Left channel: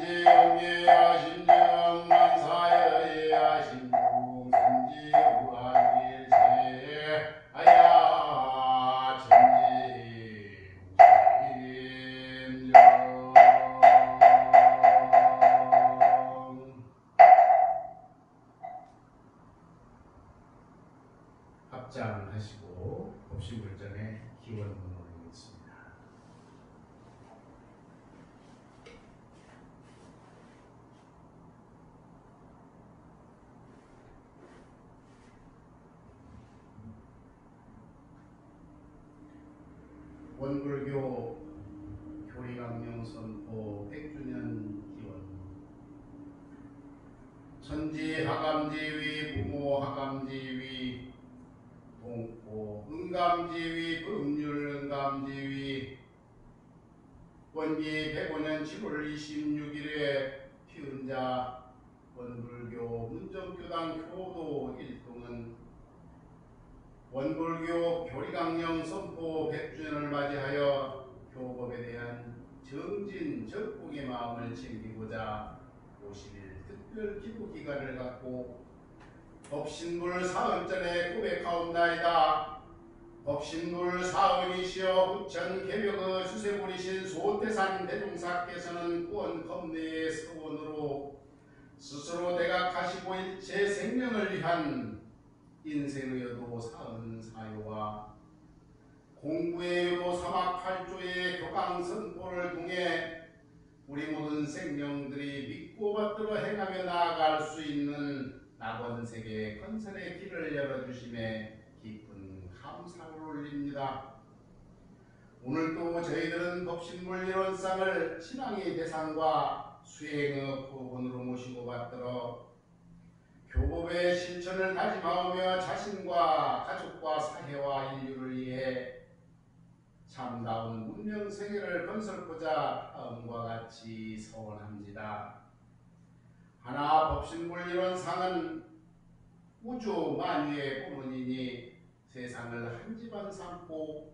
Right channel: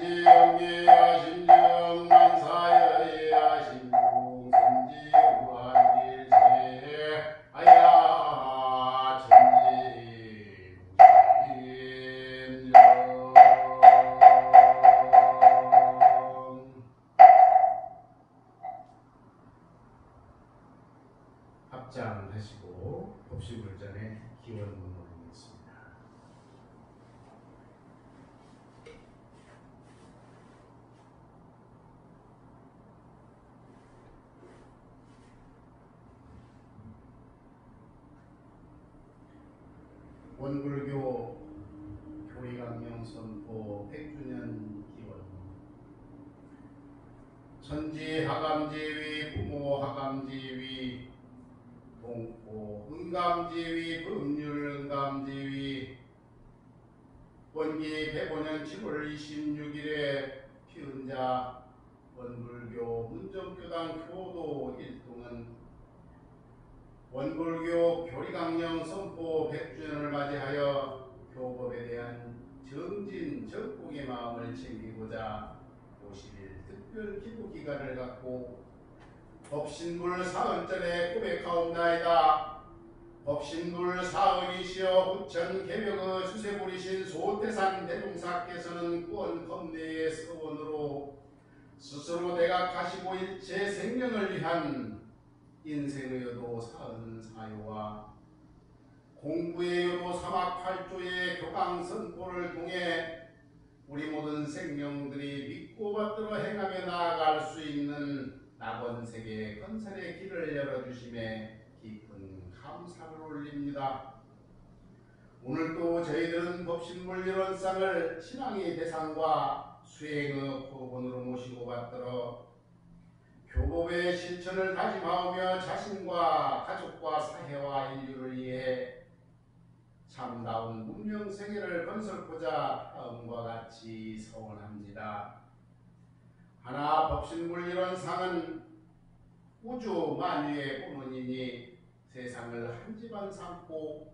천지영계야 신지영만사여야 신중선지우한일체 아야 천지무심령 합장하시고 법시불전의 기원문을 읽겠습니다. 원불교 교리강령 선포 100주년 기원 천지하감지위 부모하감지위 동포 은감지위 법률은감지위 원기 105년 7월 26일에 피은자 원불교 문정교당 교도 일동은 원불교 교리강령 선포 100주년을 맞이하여 교법에 대한 정진 적공의 마음을 챙기고자 50일 특별 기도 기간을 갖고 법신불 사은전에 고백하옵나이다. 법신불 사은이시여 부천 개벽의 주세부리신 소태산 대종사께서는 구원 검내의 서원으로 스스로 대각하시고 일체 생명을 위한 인생의 여도 사은사요와 공부의 여도 사막팔조의 교강 선포를 통해 우리 모든 생명들이 믿고 받들어 행하며 나아갈 수 있는 낙원세계 건설의 길을 열어주심에 깊은 감사를 올립니다. 오늘도 저희들은 법신불 일원상을 신앙의 대상과 수행의 후원으로 모시고 받들어 교법의 실천을 다짐하오며 자신과 가족과 사회와 인류를 위해 참다운 문명세계를 건설하고자 다음과 같이 서원합니다. 하나 법신불 일원상은 우주 만유의 본원이니 세상을 한 집안 삼고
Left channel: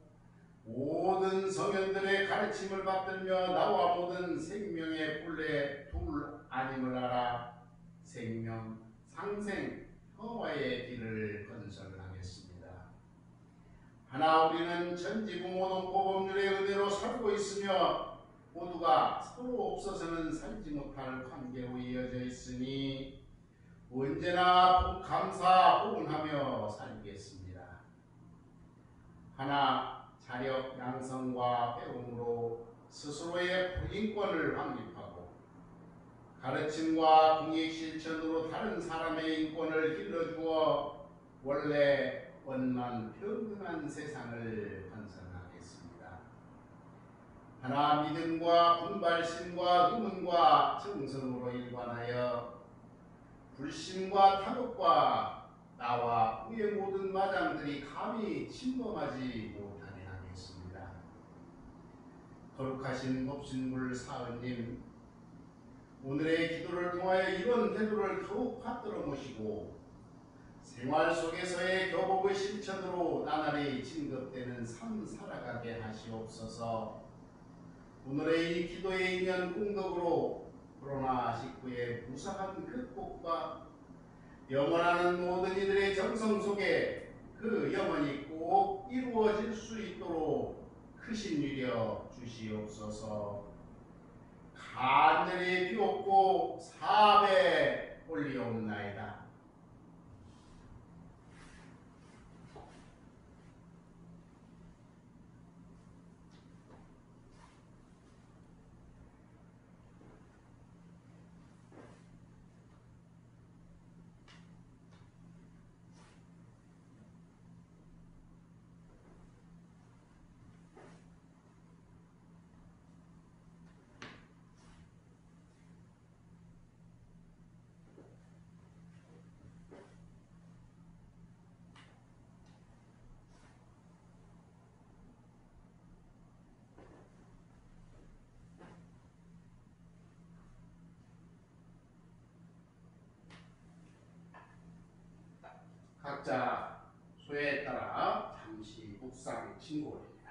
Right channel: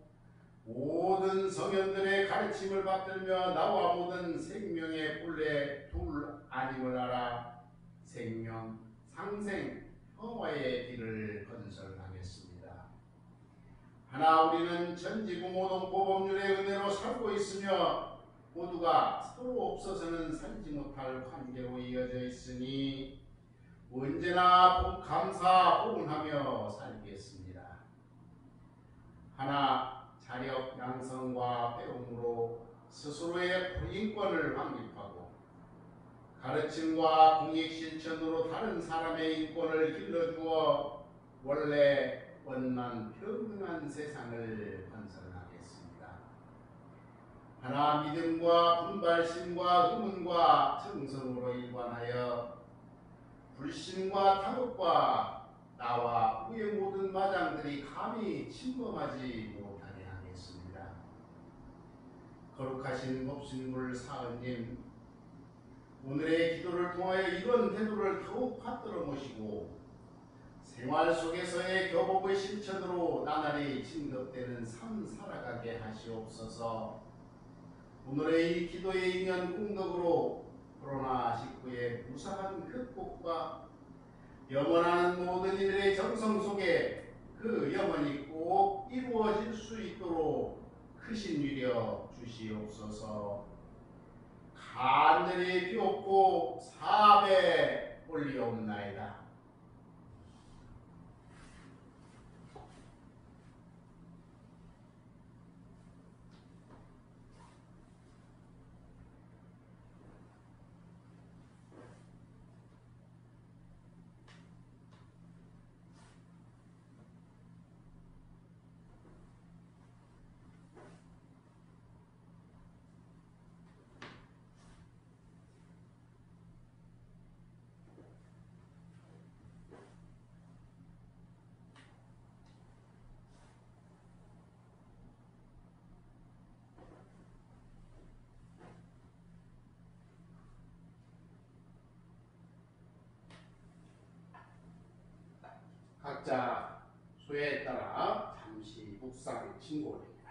모든 성현들의 가르침을 받들며 나와 모든 생명의 본래 둘 아님을 알아 생명, 상생, 평화의 길을 건설하겠습니다. 하나 우리는 천지부모동포 법률의 은혜로 살고 있으며 모두가 서로 없어서는 살지 못할 관계로 이어져 있으니 언제나 감사 호응하며 살겠습니다. 하나 자력 양성과 배움으로 스스로의 인권을 확립하고 가르침과 공익 실천으로 다른 사람의 인권을 길러주어 원래 원만 평등한 세상을 건설하겠습니다. 하나 믿음과 분발심과 의문과 정성으로 일관하여 불신과 탐욕과 나와 후의 모든 마장들이 감히 침범하지 못하게 하겠습니다. 거룩하신 법신불 사은님, 오늘의 기도를 통하여 이런 태도를 더욱 받들어 모시고 생활 속에서의 교법의 실천으로 나날이 진급되는 삶 살아가게 하시옵소서. 오늘의 이 기도의 인연 공덕으로 코로나19의 무사한 극복과 영원하는 모든 이들의 정성 속에 그 영원이 꼭 이루어질 수 있도록 크신 위력 주시옵소서. 간절히 비옵고 사배 올리옵나이다. 각자 소에 따라 잠시 묵상 진고입니다.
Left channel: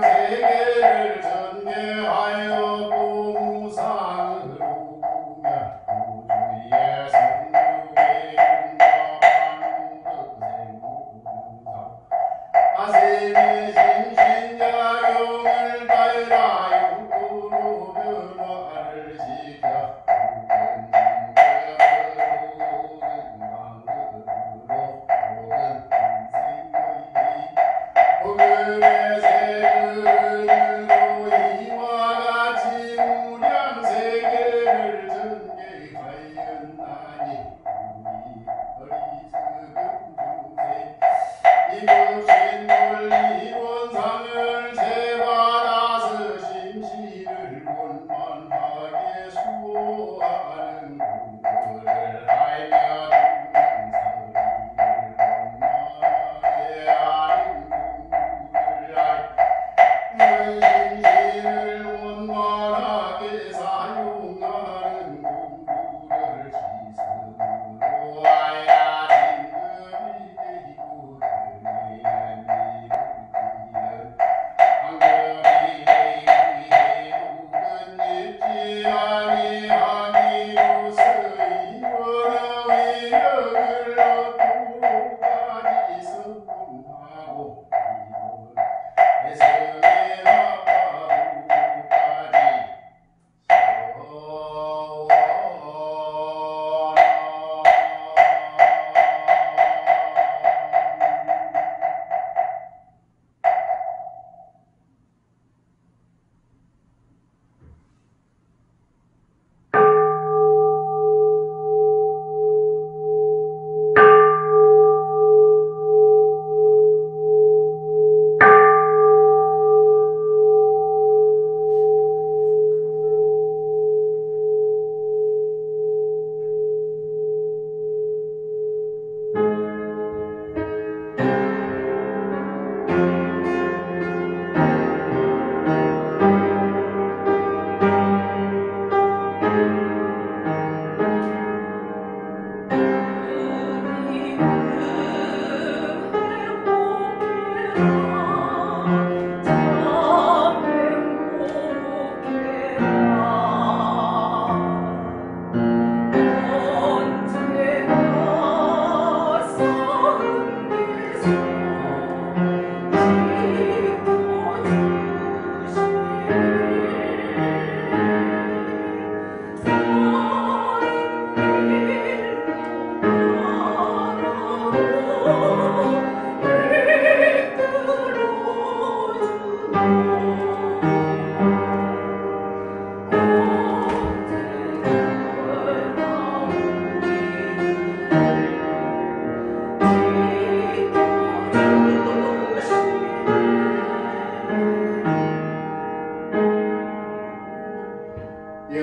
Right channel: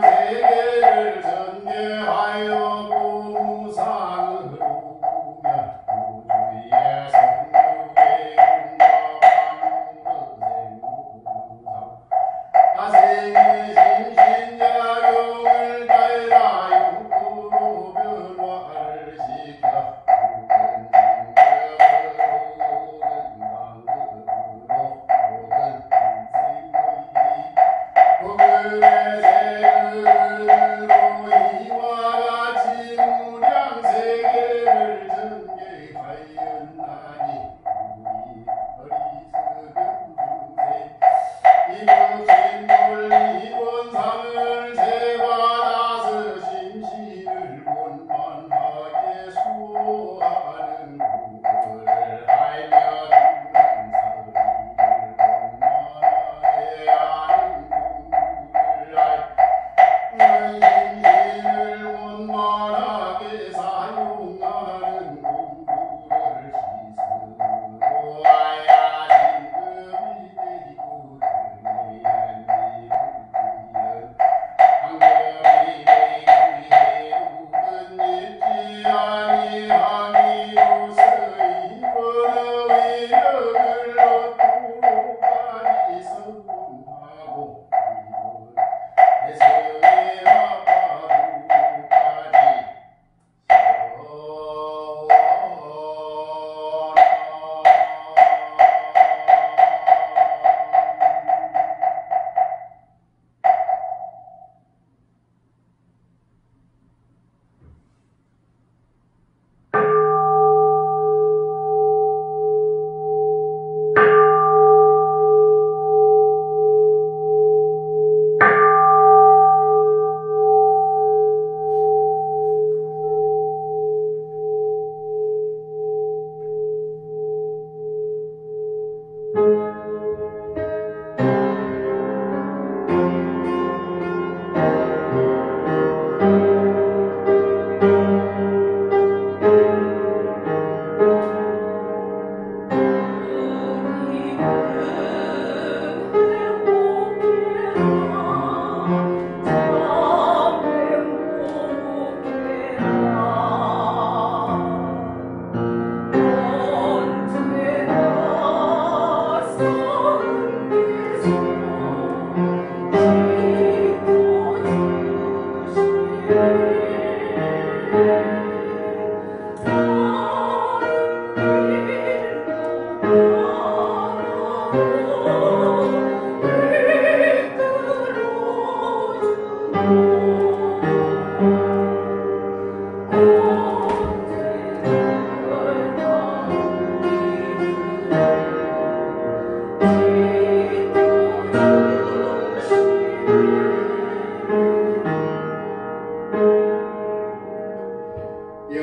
세계를 전개하여 무상으로 보면 우주의 성육의 윤곽방문생무상 아세미 심신야경을 따라 육구로 변화를 시켜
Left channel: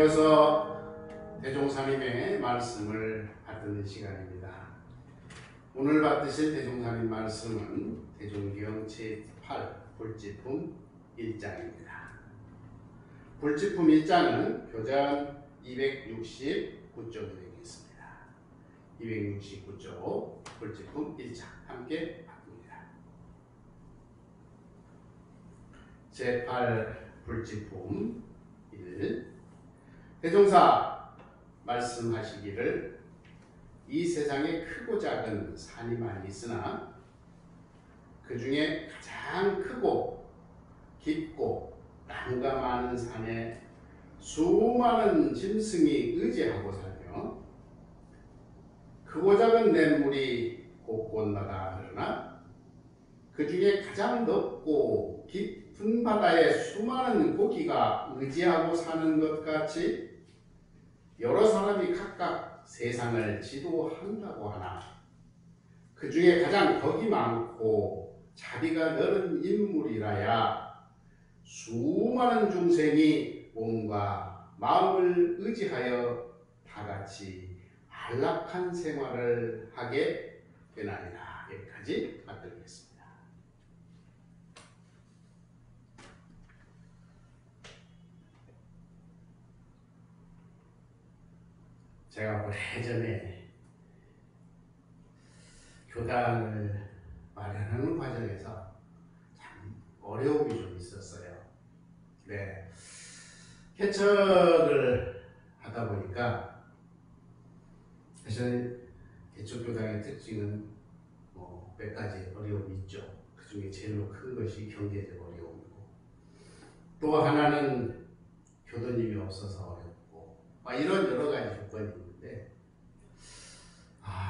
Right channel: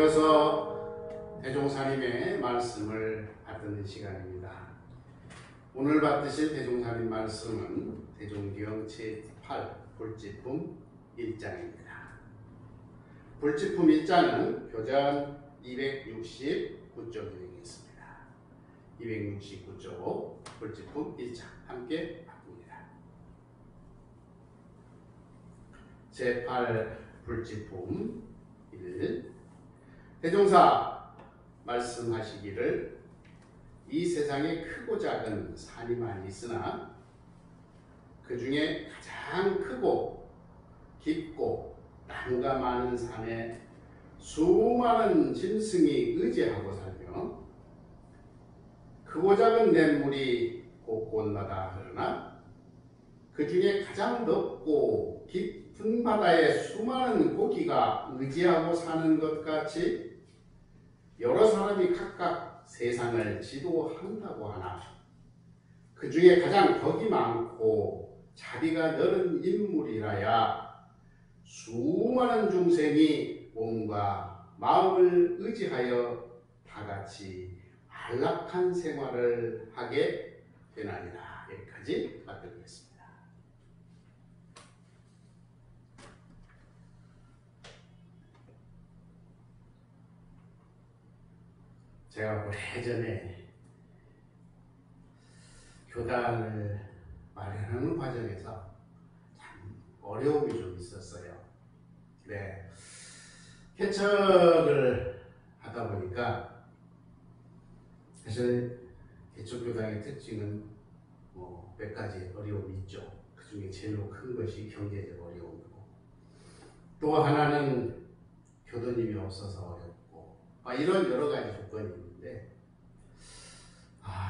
이어서 대종사님의 말씀을 받는 시간입니다. 오늘 받으실 대종사님 말씀은 대종경 제8 불지품 1장입니다. 불지품 1장은 교전 269쪽이 되겠습니다. 269쪽 불지품 1장 함께 받습니다. 제8 불지품 1. 대종사 말씀하시기를 이 세상에 크고 작은 산이 많이 있으나 그 중에 가장 크고 깊고 나무가 많은 산에 수많은 짐승이 의지하고 살며 크고 작은 냇물이 곳곳마다 흐르나 그 중에 가장 넓고 깊은 바다에 수많은 고기가 의지하고 사는 것 같이 여러 사람이 각각 세상을 지도한다고 하나 그 중에 가장 덕이 많고 자비가 넓은 인물이라야 수많은 중생이 몸과 마음을 의지하여 다같이 안락한 생활을 하게 되나니라. 여기까지 받들겠습니다. 제가 오래전에 교단을 마련하는 과정에서 참 어려움이 좀 있었어요. 네. 개척을 하다 보니까 사실 개척교당의 특징은 뭐 몇 가지 어려움이 있죠. 그 중에 제일 큰 것이 경제적 어려움이고, 또 하나는 교도님이 없어서 어렵고, 이런 여러 가지 조건이 있는데,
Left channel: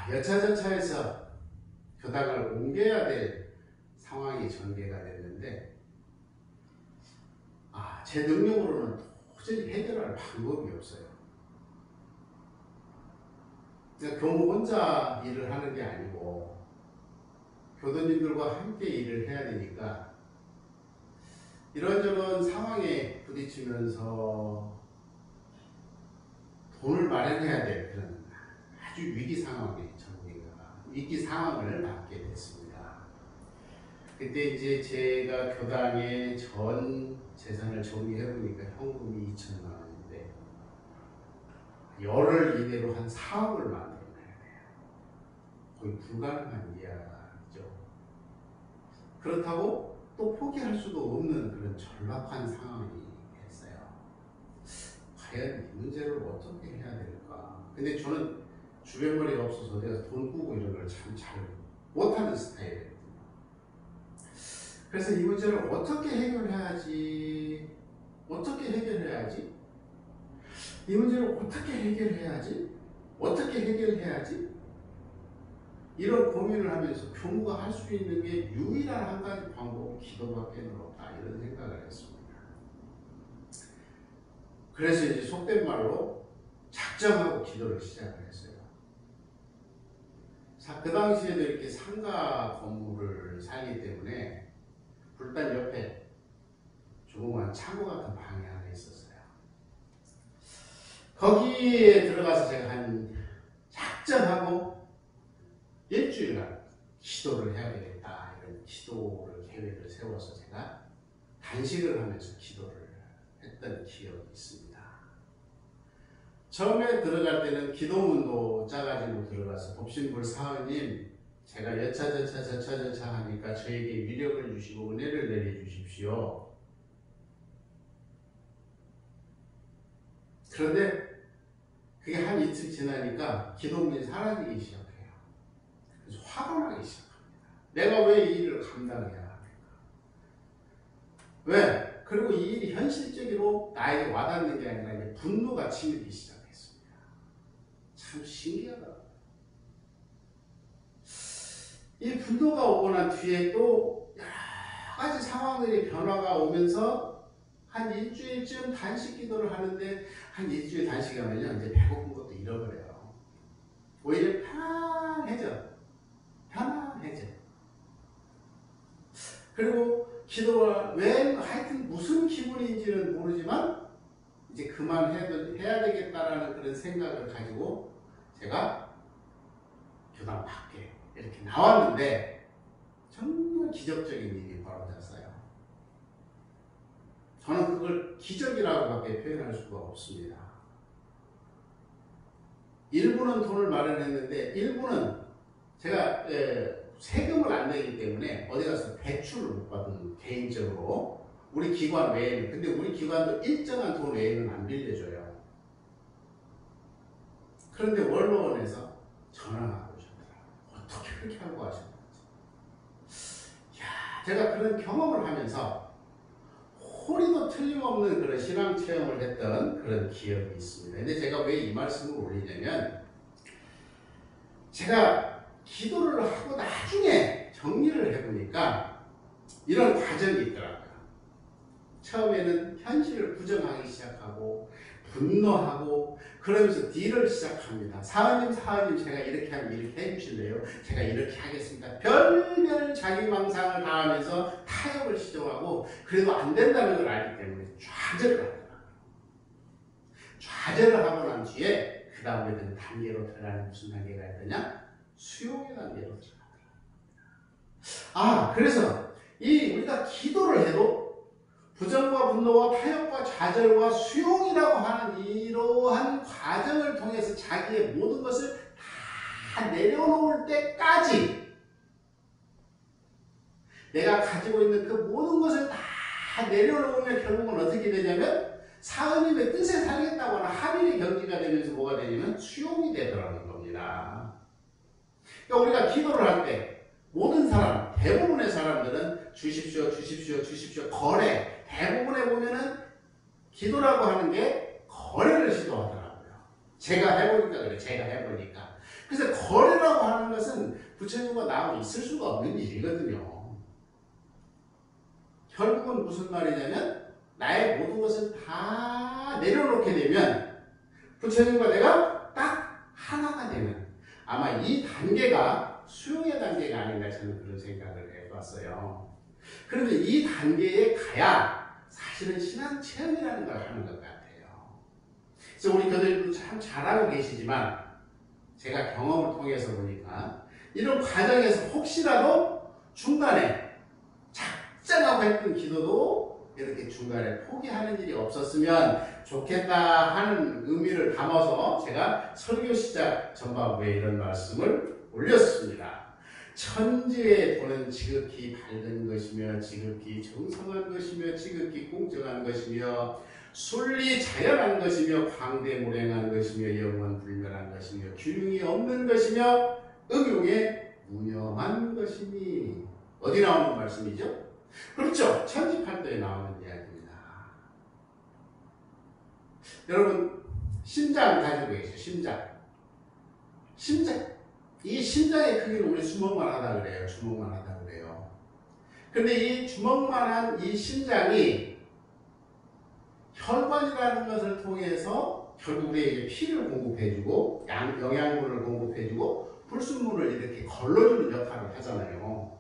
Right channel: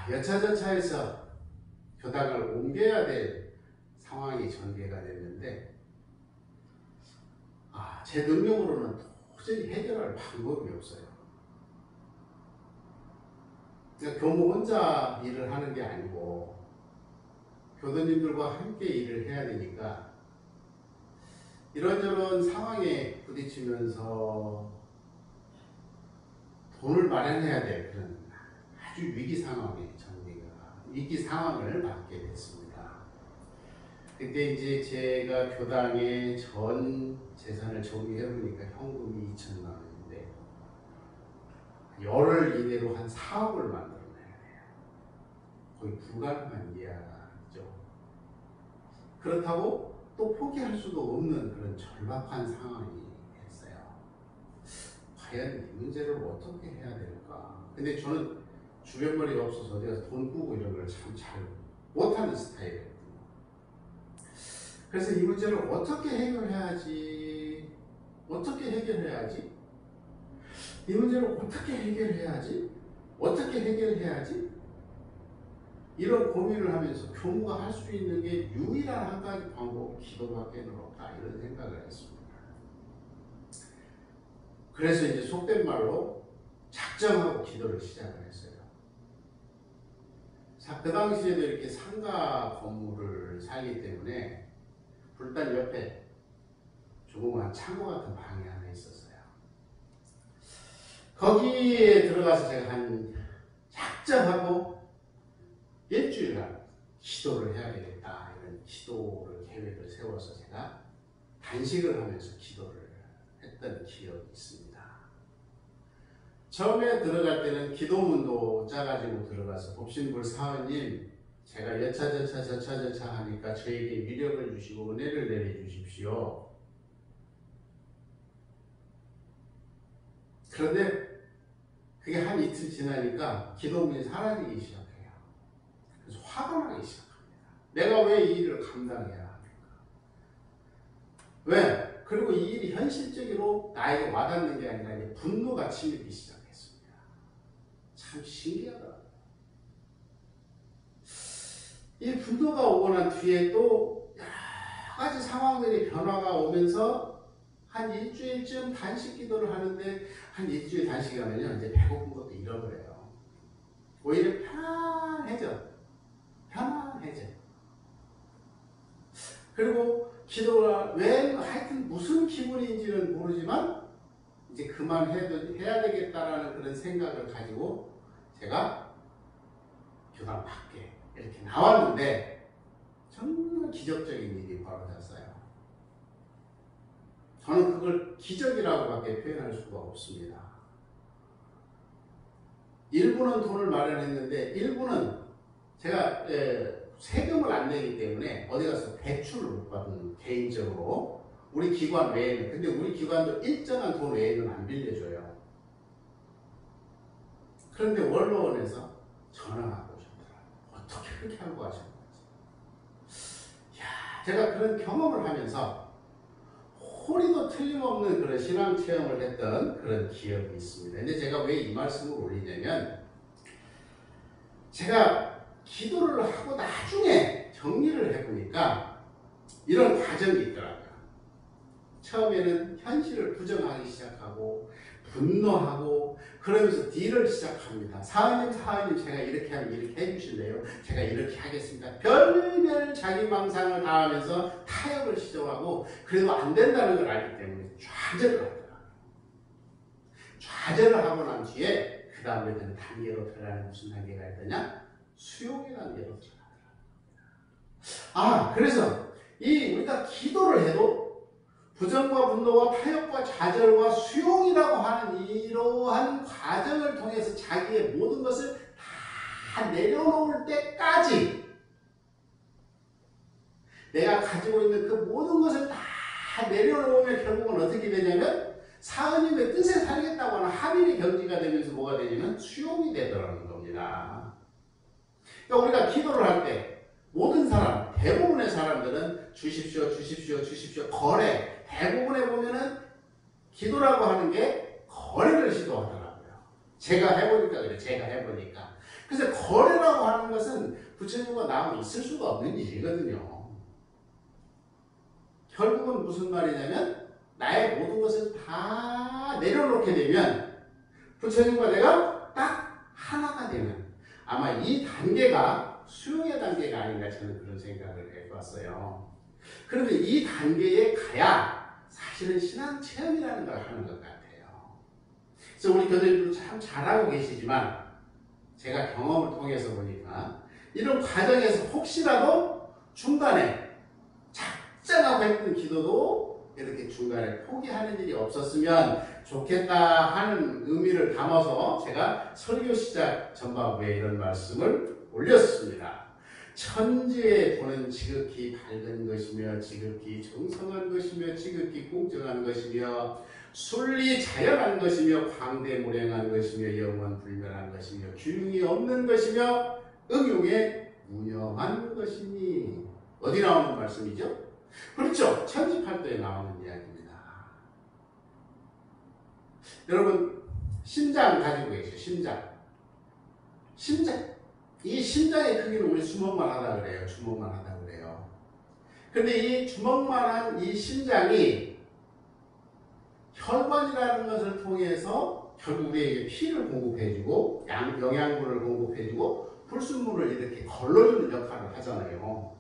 여차저차해서 교당을 옮겨야 될 상황이 전개가 됐는데, 제 능력으로는 도저히 해결할 방법이 없어요. 그러니까 교무 혼자 일을 하는 게 아니고 교도님들과 함께 일을 해야 되니까 이런저런 상황에 부딪히면서 돈을 마련해야 될 그런 아주 위기 상황을 맞게 됐습니다. 그때 이제 제가 교당의 전 재산을 정리해보니까 현금이 2천만 원인데 열흘 이내로 한 4억을 만들어내야 돼요. 거의 불가능한 이야기죠. 그렇다고 또 포기할 수도 없는 그런 절박한 상황이 됐어요. 과연 이 문제를 어떻게 해야 될까? 근데 저는 주변머리가 없어서 내가 돈 꾸고 이런 걸 참 잘 못하는 스타일이에요. 그래서 이 문제를 어떻게 해결해야지? 이 문제를 어떻게 해결해야지? 이런 고민을 하면서 교무가 할 수 있는 게 유일한 한 가지 방법이 기도밖에 없다. 이런 생각을 했습니다. 그래서 이제 속된 말로 작정하고 기도를 시작을 했어요. 그 당시에도 이렇게 상가 건물을 살기 때문에 불단 옆에 조그만 창고 같은 방이 하나 있었어요. 거기에 들어가서 제가 한 작정하고 일주일간 기도를 해야 되겠다, 이런 기도를 계획을 세워서 제가 단식을 하면서 기도를 했던 기억이 있습니다. 처음에 들어갈 때는 기도문도 짜가지고 들어가서 법신불 사원님, 제가 여차저차 하니까 저에게 위력을 주시고 은혜를 내려주십시오. 그런데 그게 한 이틀 지나니까 기도문이 사라지기 시작해요. 그래서 화가 나기 시작합니다. 내가 왜 이 일을 감당해야 하는가? 왜? 그리고 이 일이 현실적으로 나에게 와닿는 게 아니라 이제 분노가 치밀기 시작했습니다. 참 신기하더라고요. 이 분노가 오고 난 뒤에 또 여러 가지 상황들이 변화가 오면서 한 일주일쯤 단식 기도를 하는데, 한 일주일 단식하면요 이제 배고픈 것도 잃어버려요. 오히려 편안해져. 그리고 기도가 왜 하여튼 무슨 기분인지는 모르지만 이제 그만해야 되겠다라는 그런 생각을 가지고 제가 교당 밖에 이렇게 나왔는데 정말 기적적인 일이 벌어졌어요. 저는 그걸 기적이라고밖에 표현할 수가 없습니다. 일부는 돈을 마련했는데 일부는 제가 세금을 안 내기 때문에 어디 가서 대출을 못 받은, 개인적으로 우리 기관 외에는. 근데 우리 기관도 일정한 돈 외에는 안 빌려줘요. 그런데 원로원에서 전화가 오셨더라고요. 어떻게 그렇게 하고 하셨는지. 제가 그런 경험을 하면서 호리도 틀림없는 그런 신앙 체험을 했던 그런 기억이 있습니다. 근데 제가 왜 이 말씀을 올리냐면, 제가 기도를 하고 나중에 정리를 해보니까 이런 과정이 있더라고요. 처음에는 현실을 부정하기 시작하고 분노하고 그러면서 딜을 시작합니다. 사은님 제가 이렇게 하면 이렇게 해주실래요? 제가 이렇게 하겠습니다. 별별 자기 망상을 당하면서 타협을 시도하고 그래도 안 된다는 걸 알기 때문에 좌절을 하더라고요. 좌절을 하고 난 뒤에 그 다음에는 단계로 들어가는 무슨 단계가 있더냐? 수용의 단계로 들어가더라고요. 그래서 우리가 기도를 해도 부정과 분노와 타협과 좌절과 수용이라고 하는 이러한 과정을 통해서 자기의 모든 것을 다 내려놓을 때까지 내가 가지고 있는 그 모든 것을 다 내려놓으면 결국은 어떻게 되냐면 사은님의 뜻에 살겠다고 하는 합일의 경지가 되면서 뭐가 되냐면 수용이 되더라는 겁니다. 그러니까 우리가 기도를 할 때 모든 사람, 대부분의 사람들은 주십시오, 주십시오, 주십시오, 거래. 대부분에 보면은 기도라고 하는 게 거래를 시도하더라고요. 제가 해보니까 그래, 제가 해보니까. 그래서 거래라고 하는 것은 부처님과 나하고 있을 수가 없는 일이거든요. 결국은 무슨 말이냐면 나의 모든 것을 다 내려놓게 되면 부처님과 내가 딱 하나가 되는 아마 이 단계가 수용의 단계가 아닌가 저는 그런 생각을 해봤어요. 그러면 이 단계에 가야 사실은 신앙 체험이라는 걸 하는 것 같아요. 그래서 우리 교수님도 참 잘하고 계시지만 제가 경험을 통해서 보니까 이런 과정에서 혹시라도 중간에 작정하고 했던 기도도 이렇게 중간에 포기하는 일이 없었으면 좋겠다 하는 의미를 담아서 제가 설교 시작 전반부에 이런 말씀을 올렸습니다. 천지의 도는 지극히 밝은 것이며 지극히 정성한 것이며 지극히 공정한 것이며 순리 자연한 것이며 광대무량한 것이며 영원불멸한 것이며 균형이 없는 것이며 응용에 무념한 것이니 어디 나오는 말씀이죠? 그렇죠. 천지팔도에 나오는 이야기입니다. 여러분 심장 가지고 계세요. 심장. 이 심장의 크기는 우리 주먹만 하다 그래요. 주먹만 하다 그래요. 근데 이 주먹만한 이 심장이 혈관이라는 것을 통해서 결국 우리에게 피를 공급해주고 영양분을 공급해주고 불순물을 이렇게 걸러주는 역할을 하잖아요.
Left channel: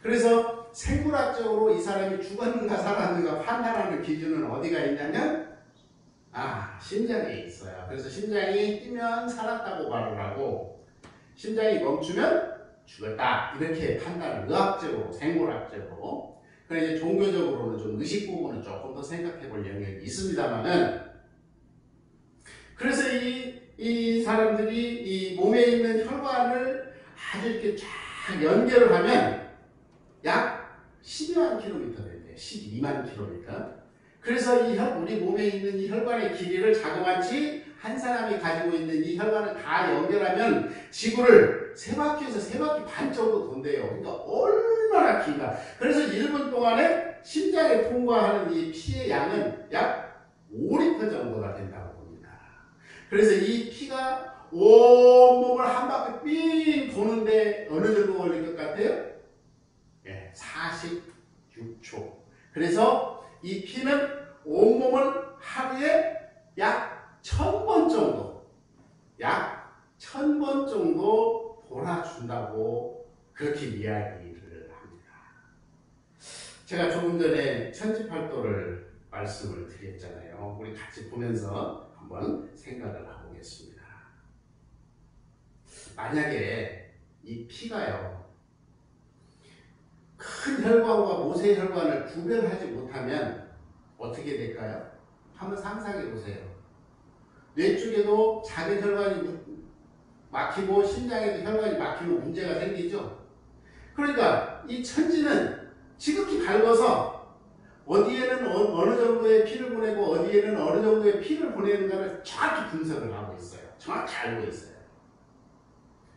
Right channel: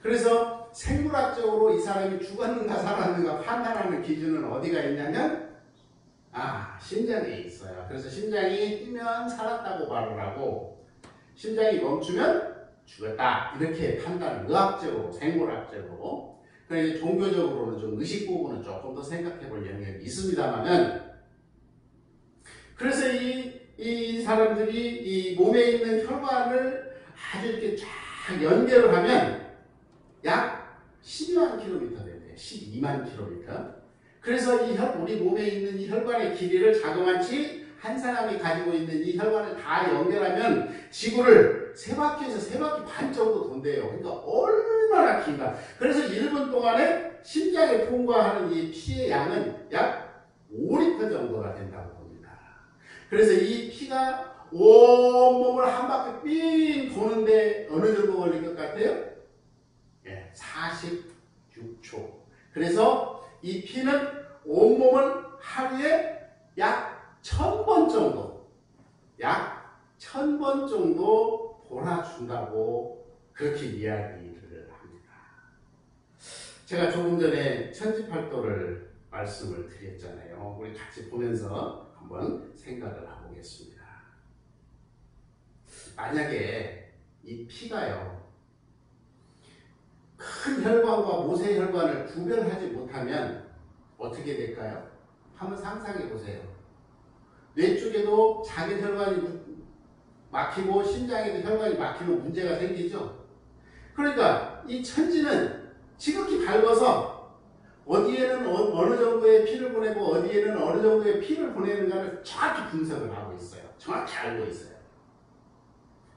그래서 생물학적으로 이 사람이 죽었는가 살았는가 판단하는 기준은 어디가 있냐면 심장에 있어요. 그래서 심장이 뛰면 살았다고 말을 하고 심장이 멈추면 죽었다 이렇게 판단을 의학적으로 생물학적으로 그래서 종교적으로는 좀 의식 부분은 조금 더 생각해 볼 영역이 있습니다만은 그래서 이 사람들이 이 몸에 있는 혈관을 아주 이렇게 쫙 연결을 하면 약 12만 킬로미터 된대요. 12만 킬로미터. 그래서 우리 몸에 있는 이 혈관의 길이를 자그마치 한 사람이 가지고 있는 이 혈관을 다 연결하면 지구를 3바퀴에서 3바퀴 반 정도 돈대요. 그러니까 얼마나 긴가. 그래서 1분 동안에 심장에 통과하는 이 피의 양은 약 5리터 정도가 된다고 봅니다. 그래서 이 피가 온몸을 한 바퀴 삥 도는데 어느 정도 걸릴 것 같아요? 46초. 그래서 이 피는 온몸을 하루에 약 1000번 정도 돌아준다고 그렇게 이야기를 합니다. 제가 조금 전에 천지팔도를 말씀을 드렸잖아요. 우리 같이 보면서 한번 생각을 해보겠습니다. 만약에 이 피가요, 큰 혈관과 모세 혈관을 구별하지 못하면 어떻게 될까요? 한번 상상해 보세요. 뇌 쪽에도 작은 혈관이 막히고 심장에도 혈관이 막히면 문제가 생기죠. 그러니까 이 천지는 지극히 밝아서 어디에는 어느 정도의 피를 보내고 어디에는 어느 정도의 피를 보내는가를 정확히 분석을 하고 있어요. 정확히 알고 있어요.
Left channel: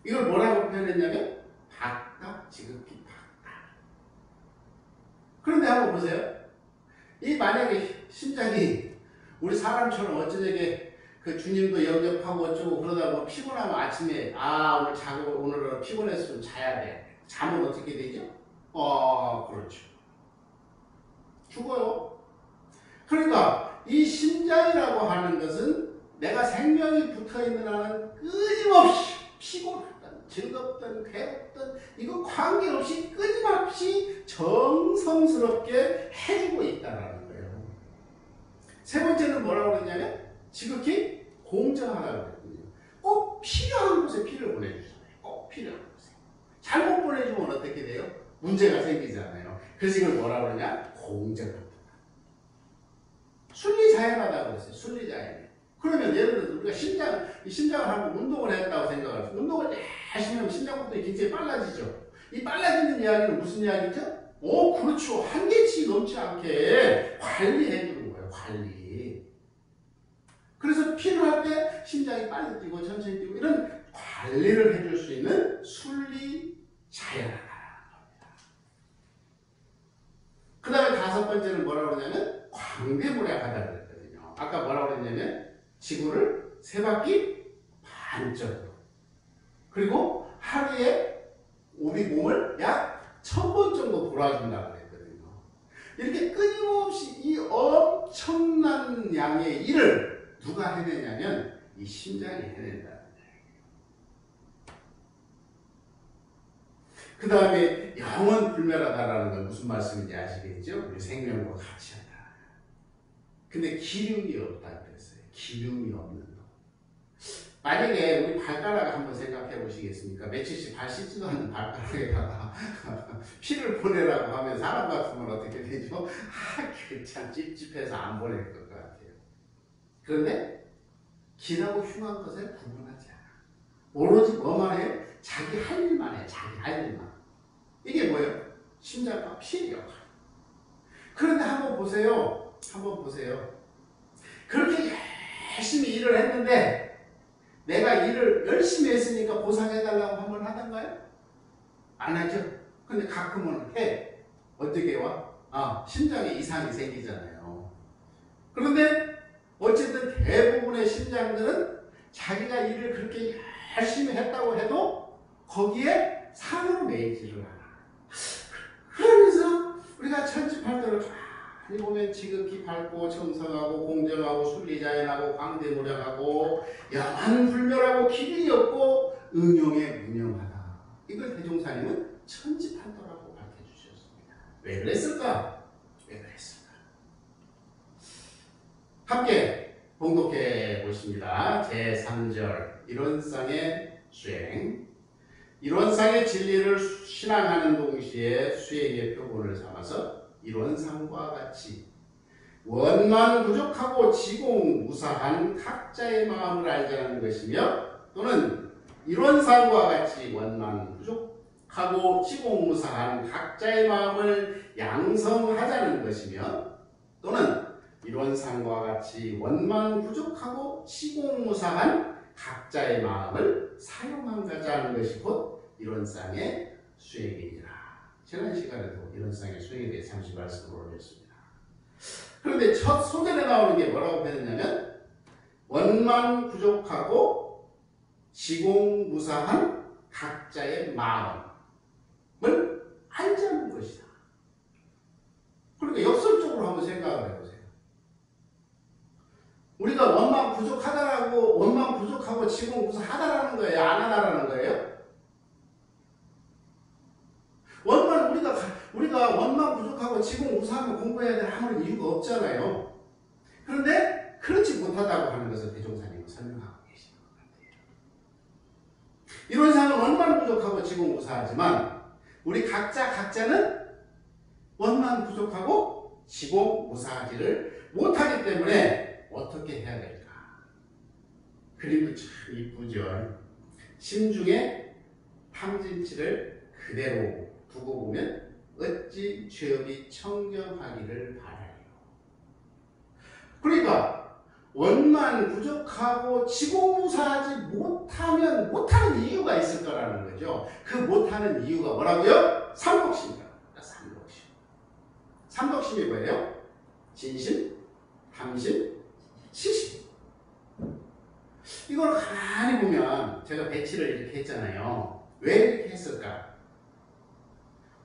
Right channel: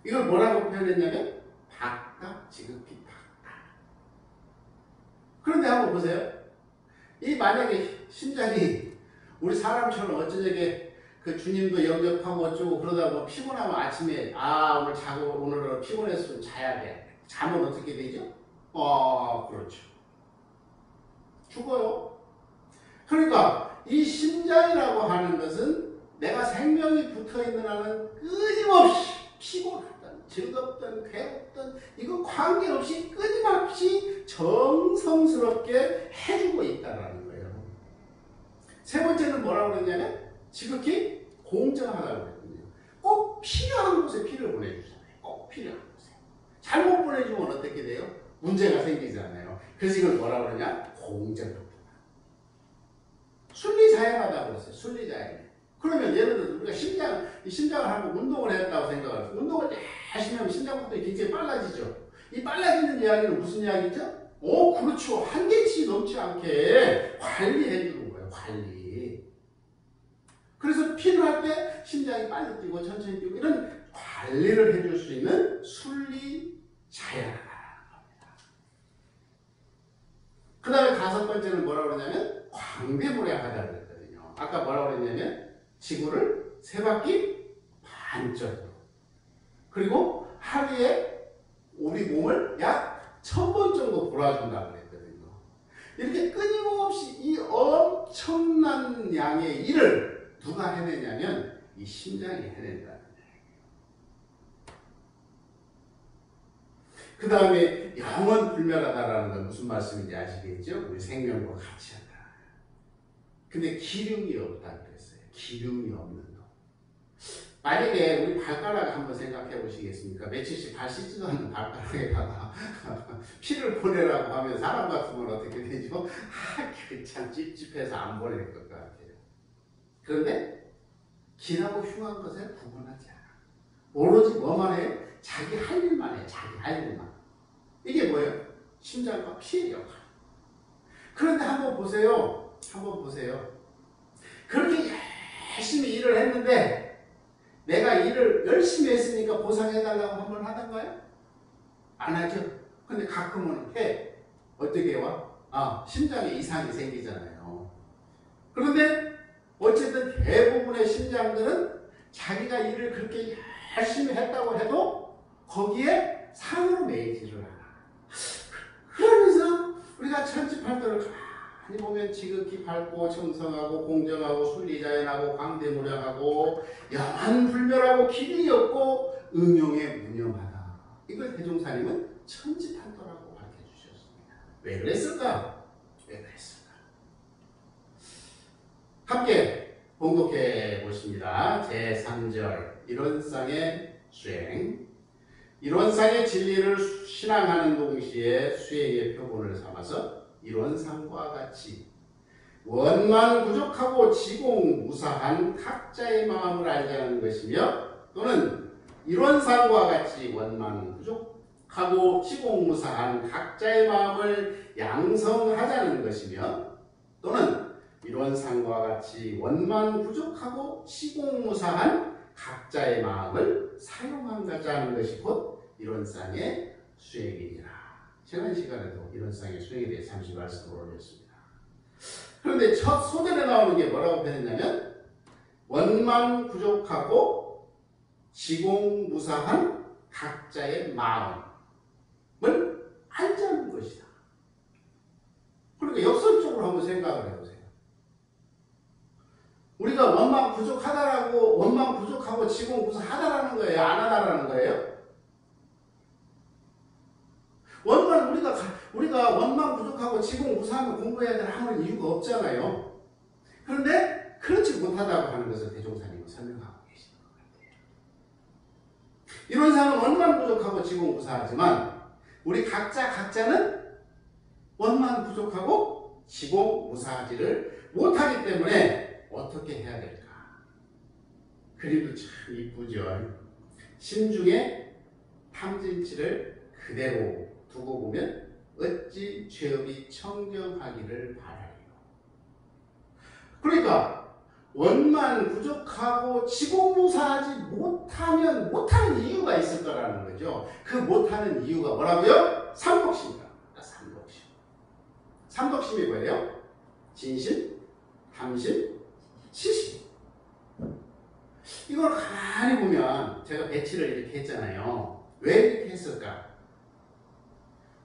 이걸 뭐라고 표현했냐면 박각 지극히 그런데 한번 보세요. 이 만약에 심장이 우리 사람처럼 어쩌게 그 주님도 영접하고 어쩌고 그러다 뭐 피곤하면 아침에 오늘 자고 오늘은 피곤해서 좀 자야 돼. 잠은 어떻게 되죠? 그렇죠. 죽어요. 그러니까 이 심장이라고 하는 것은 내가 생명이 붙어있는 한은 끊임없이 피곤하든 즐겁든 괴롭든 이거 관계없이 끊임없이 정성스럽게 해주고 있다는 거예요. 세 번째는 뭐라고 그러냐면 지극히 공정하다고 그랬거든요. 꼭 필요한 곳에 피를 보내주잖아요. 꼭 필요한 곳에. 잘못 보내주면 어떻게 돼요? 문제가 생기잖아요. 그래서 이걸 뭐라고 그러냐? 공정합니다. 순리자연하다고 그랬어요. 순리자연. 그러면 예를 들어서 우리가 심장을 한번 운동을 했다고 생각을 해요. 운동을 열심히 하면 심장부터이 굉장히 빨라지죠. 이 빨라지는 이야기는 무슨 이야기죠? 그렇죠. 한계치 넘지 않게 관리해주는 거예요. 관리. 그래서 필요할 때 심장이 빨리 뛰고 천천히 뛰고 이런 관리를 해줄 수 있는 순리자연하다는 겁니다. 그 다음에 다섯 번째는 뭐라고 그러냐면 광대무량하다 그랬거든요. 아까 뭐라고 그랬냐면 지구를 세 바퀴 반쪽으로 그리고 하루에 우리 몸을 약 1000번 정도 돌아준다고 그랬거든요. 이렇게 끊임없이 이 엄청난 양의 일을 누가 해내냐면 이 심장이 해낸다는 얘기예요. 그 다음에 영원 불멸하다라는 건 무슨 말씀인지 아시겠죠? 우리 생명과 같이 한다. 근데 기름이 없다 그랬어요. 기름이 없는 놈. 만약에 우리 발가락 한번 생각해 보시겠습니까? 며칠씩 발 씻지도 않는 발가락에다가 피를 보내라고 하면 사람 같으면 어떻게 되죠? 그 참 찝찝해서 안 보낼 것 같아요. 그런데 기라고 흉한 것에 구분하지 않아. 오로지 뭐만 해요? 자기 할 일만 해. 자기 할 일만. 이게 뭐예요? 심장과 피의 역할. 그런데 한번 보세요. 그렇게 열심히 일을 했는데 내가 일을 열심히 했으니까 보상해달라고 한번 하던가요? 안 하죠. 근데 가끔은 해. 어떻게 와? 심장에 이상이 생기잖아요. 그런데 어쨌든 대부분의 심장들은 자기가 일을 그렇게 열심히 했다고 해도 거기에 상으로 매이지를 않아. 그러면서 우리가 천지팔도를 가만히 보면 지극히 밝고 청성하고 공정하고 순리자연하고 광대무량하고 영한불멸하고 길이 없고 응용에 무념하다. 이걸 대종사님은 천지팔도라고 밝혀주셨습니다. 왜 그랬을까? 함께 봉독해 보십니다. 제3절 이론상의 수행. 이론상의 진리를 신앙하는 동시에 수행의 표본을 삼아서 이론상과 같이 원만 부족하고 지공무사한 각자의 마음을 알자는 것이며 또는 이론상과 같이 원만 부족하고 지공무사한 각자의 마음을 양성하자는 것이며 또는 이론상과 같이 원만 부족하고 지공무사한 각자의 마음을 사용하자는 것이 곧 이론상의 수행이니라. 지난 시간에도 이론상의 수행에 대해 잠시 말씀을 올렸습니다. 그런데 첫 소절에 나오는 게 뭐라고 표현했냐면 원만 부족하고 지공무사한 각자의 마음을 알자는 것이다. 그러니까 역설적으로 한번 생각을 해보세요. 우리가 원만 부족하고 지공무사하다라는 거예요? 안 하다라는 거예요? 우리가 원만 부족하고 지공무사하면 공부해야 될 아무런 이유가 없잖아요. 그런데 그렇지 못하다고 하는 것을 대종사님은 설명하고 계시는 것 같아요. 이론상은 원만 부족하고 지공무사하지만 우리 각자는 원만 부족하고 지공무사하지를 못하기 때문에 어떻게 해야 될까? 그림도 참 이쁘죠. 심중에 탐진치를 그대로 두고 보면 어찌 죄업이 청정하기를 바라요. 그러니까 원만 부족하고 지공무사하지 못하는 이유가 있을 거라는 거죠. 그 못하는 이유가 뭐라고요? 삼독심이다. 삼독심이 뭐예요? 진심, 탐심, 시심. 이걸 가만히 보면 제가 배치를 이렇게 했잖아요. 왜 이렇게 했을까?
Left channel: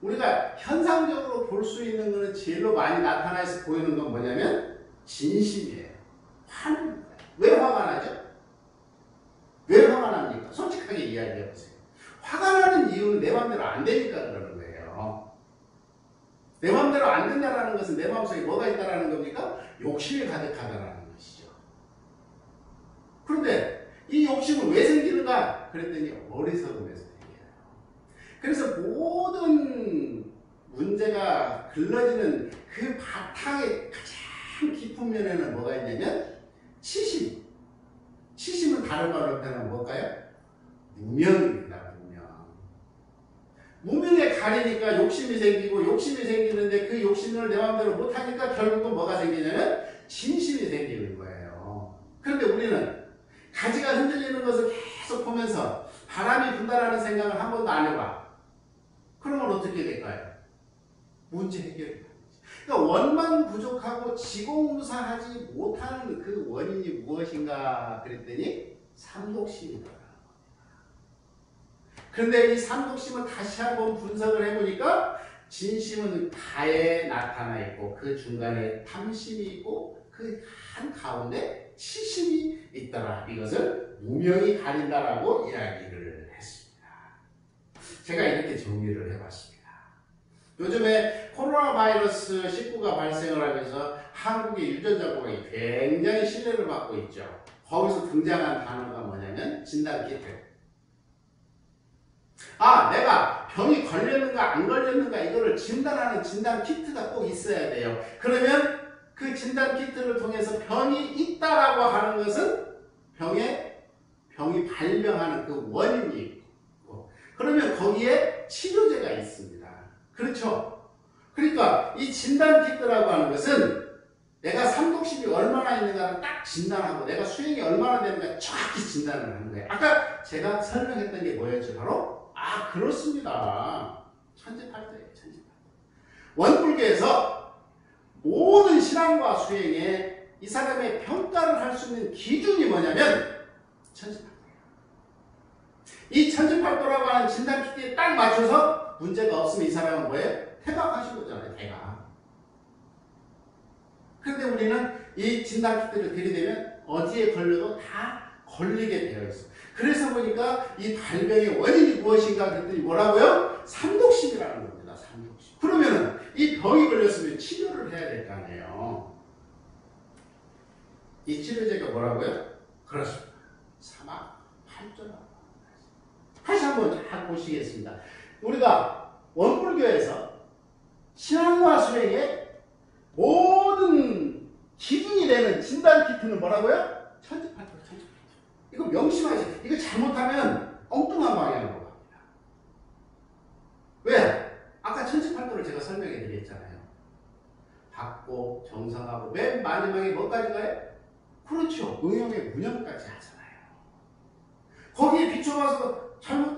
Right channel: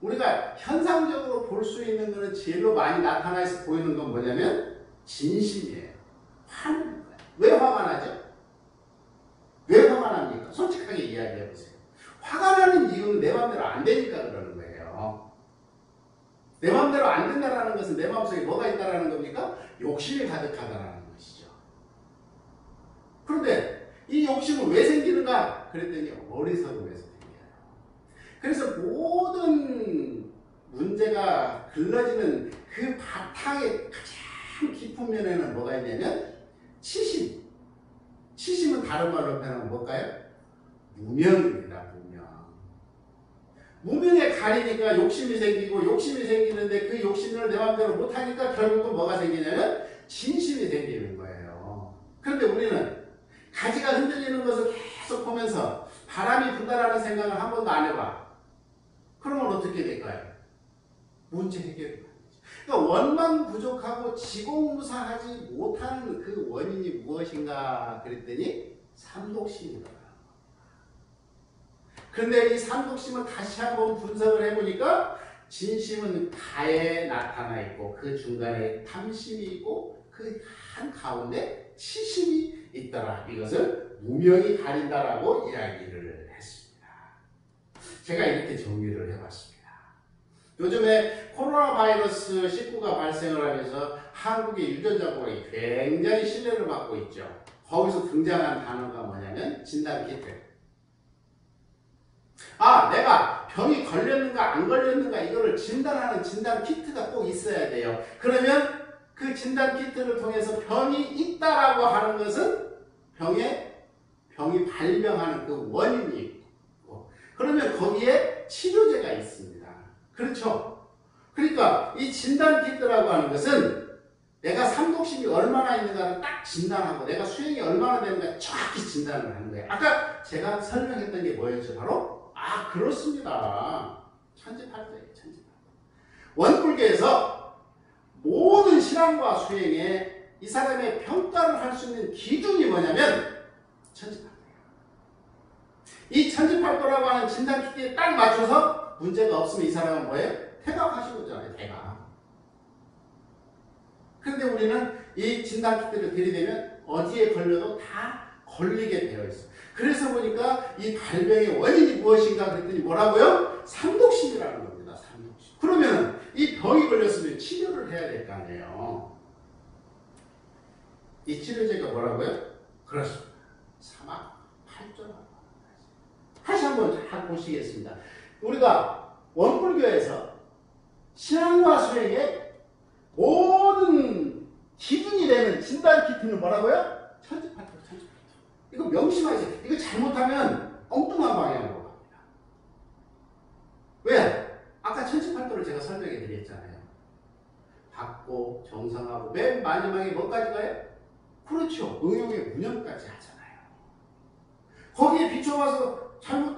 우리가 현상적으로 볼 수 있는 것은 제일로 많이 나타나서 보이는 건 뭐냐면 진심이에요. 화는 거예요. 왜 화가 나죠? 왜 화가 납니까? 솔직하게 이야기해 보세요. 화가 나는 이유는 내 마음대로 안 되니까 그러는 거예요. 내 마음대로 안 된다는 것은 내 마음속에 뭐가 있다는 겁니까? 욕심이 가득하다는 것이죠. 그런데 이 욕심은 왜 생기는가? 그랬더니 어리석음에서 생겨요. 그래서 모든 문제가 글러지는 그 바탕의 가장 깊은 면에는 뭐가 있냐면 치심. 치심은 다른 말로 표현하면 뭘까요? 무명입니다. 무명. 무명에 가리니까 욕심이 생기고 욕심이 생기는데 그 욕심을 내 마음대로 못하니까 결국은 뭐가 생기냐면 진심이 생기는 거예요. 그런데 우리는 가지가 흔들리는 것을 계속 보면서 바람이 분다라는 생각을 한 번도 안 해봐. 그러면 어떻게 될까요? 문제 해결이 안 되죠. 그러니까 원만 부족하고 지공무사하지 못하는 그 원인이 무엇인가 그랬더니 삼독심이더라고요. 그런데 이 삼독심을 다시 한번 분석을 해보니까 진심은 가에 나타나 있고 그 중간에 탐심이 있고 그 한 가운데 치심이 있더라. 이것을 무명이 가린다라고 이야기를 했습니다. 제가 이렇게 정리를 해봤습니다. 요즘에 코로나 바이러스 19가 발생을 하면서 한국의 유전자 공학이 굉장히 신뢰를 받고 있죠. 거기서 등장한 단어가 뭐냐면 진단키트. 아, 내가 병이 걸렸는가 안 걸렸는가 이거를 진단하는 진단키트가 꼭 있어야 돼요. 그러면 그 진단키트를 통해서 병이 있다라고 하는 것은 병이 발병하는 그 원인이 있고, 그러면 거기에 치료제가 있습니다. 그렇죠? 그러니까 이 진단키트라고 하는 것은 내가 삼독심이 얼마나 있는가를 딱 진단하고 내가 수행이 얼마나 되는가 정확히 진단을 하는 거예요. 아까 제가 설명했던 게 뭐였죠? 바로 그렇습니다. 천지팔도예요. 천지팔도. 원불교에서 모든 신앙과 수행에 이 사람의 평가를 할 수 있는 기준이 뭐냐면 천지팔도예요. 이 천지팔도라고 하는 진단키트에 딱 맞춰서 문제가 없으면 이 사람은 뭐예요? 태각하신 거잖아요. 태각. 그런데 우리는 이 진단키트를 들이대면 어디에 걸려도 다 걸리게 되어 있어요. 그래서 보니까 이 발병의 원인이 무엇인가 그랬더니 뭐라고요? 삼독심이라는 겁니다. 삼독심. 그러면은 이 병이 걸렸으면 치료를 해야 될 거 아니에요. 이 치료제가 뭐라고요? 그렇습니다. 사막팔조라고 합니다. 다시 한번 잘 보시겠습니다. 우리가 원불교에서 신앙과 수행의 모든 기준이 되는 진단키트는 뭐라고요? 천지팔도, 천지팔도. 이거 명심하세요. 이거 잘못하면 엉뚱한 방향으로 갑니다. 왜? 아까 천지팔도를 제가 설명해 드렸잖아요. 받고 정상하고 맨 마지막에 뭐까지 가요? 그렇죠. 응용의 무념까지 하잖아요. 거기에 비춰봐서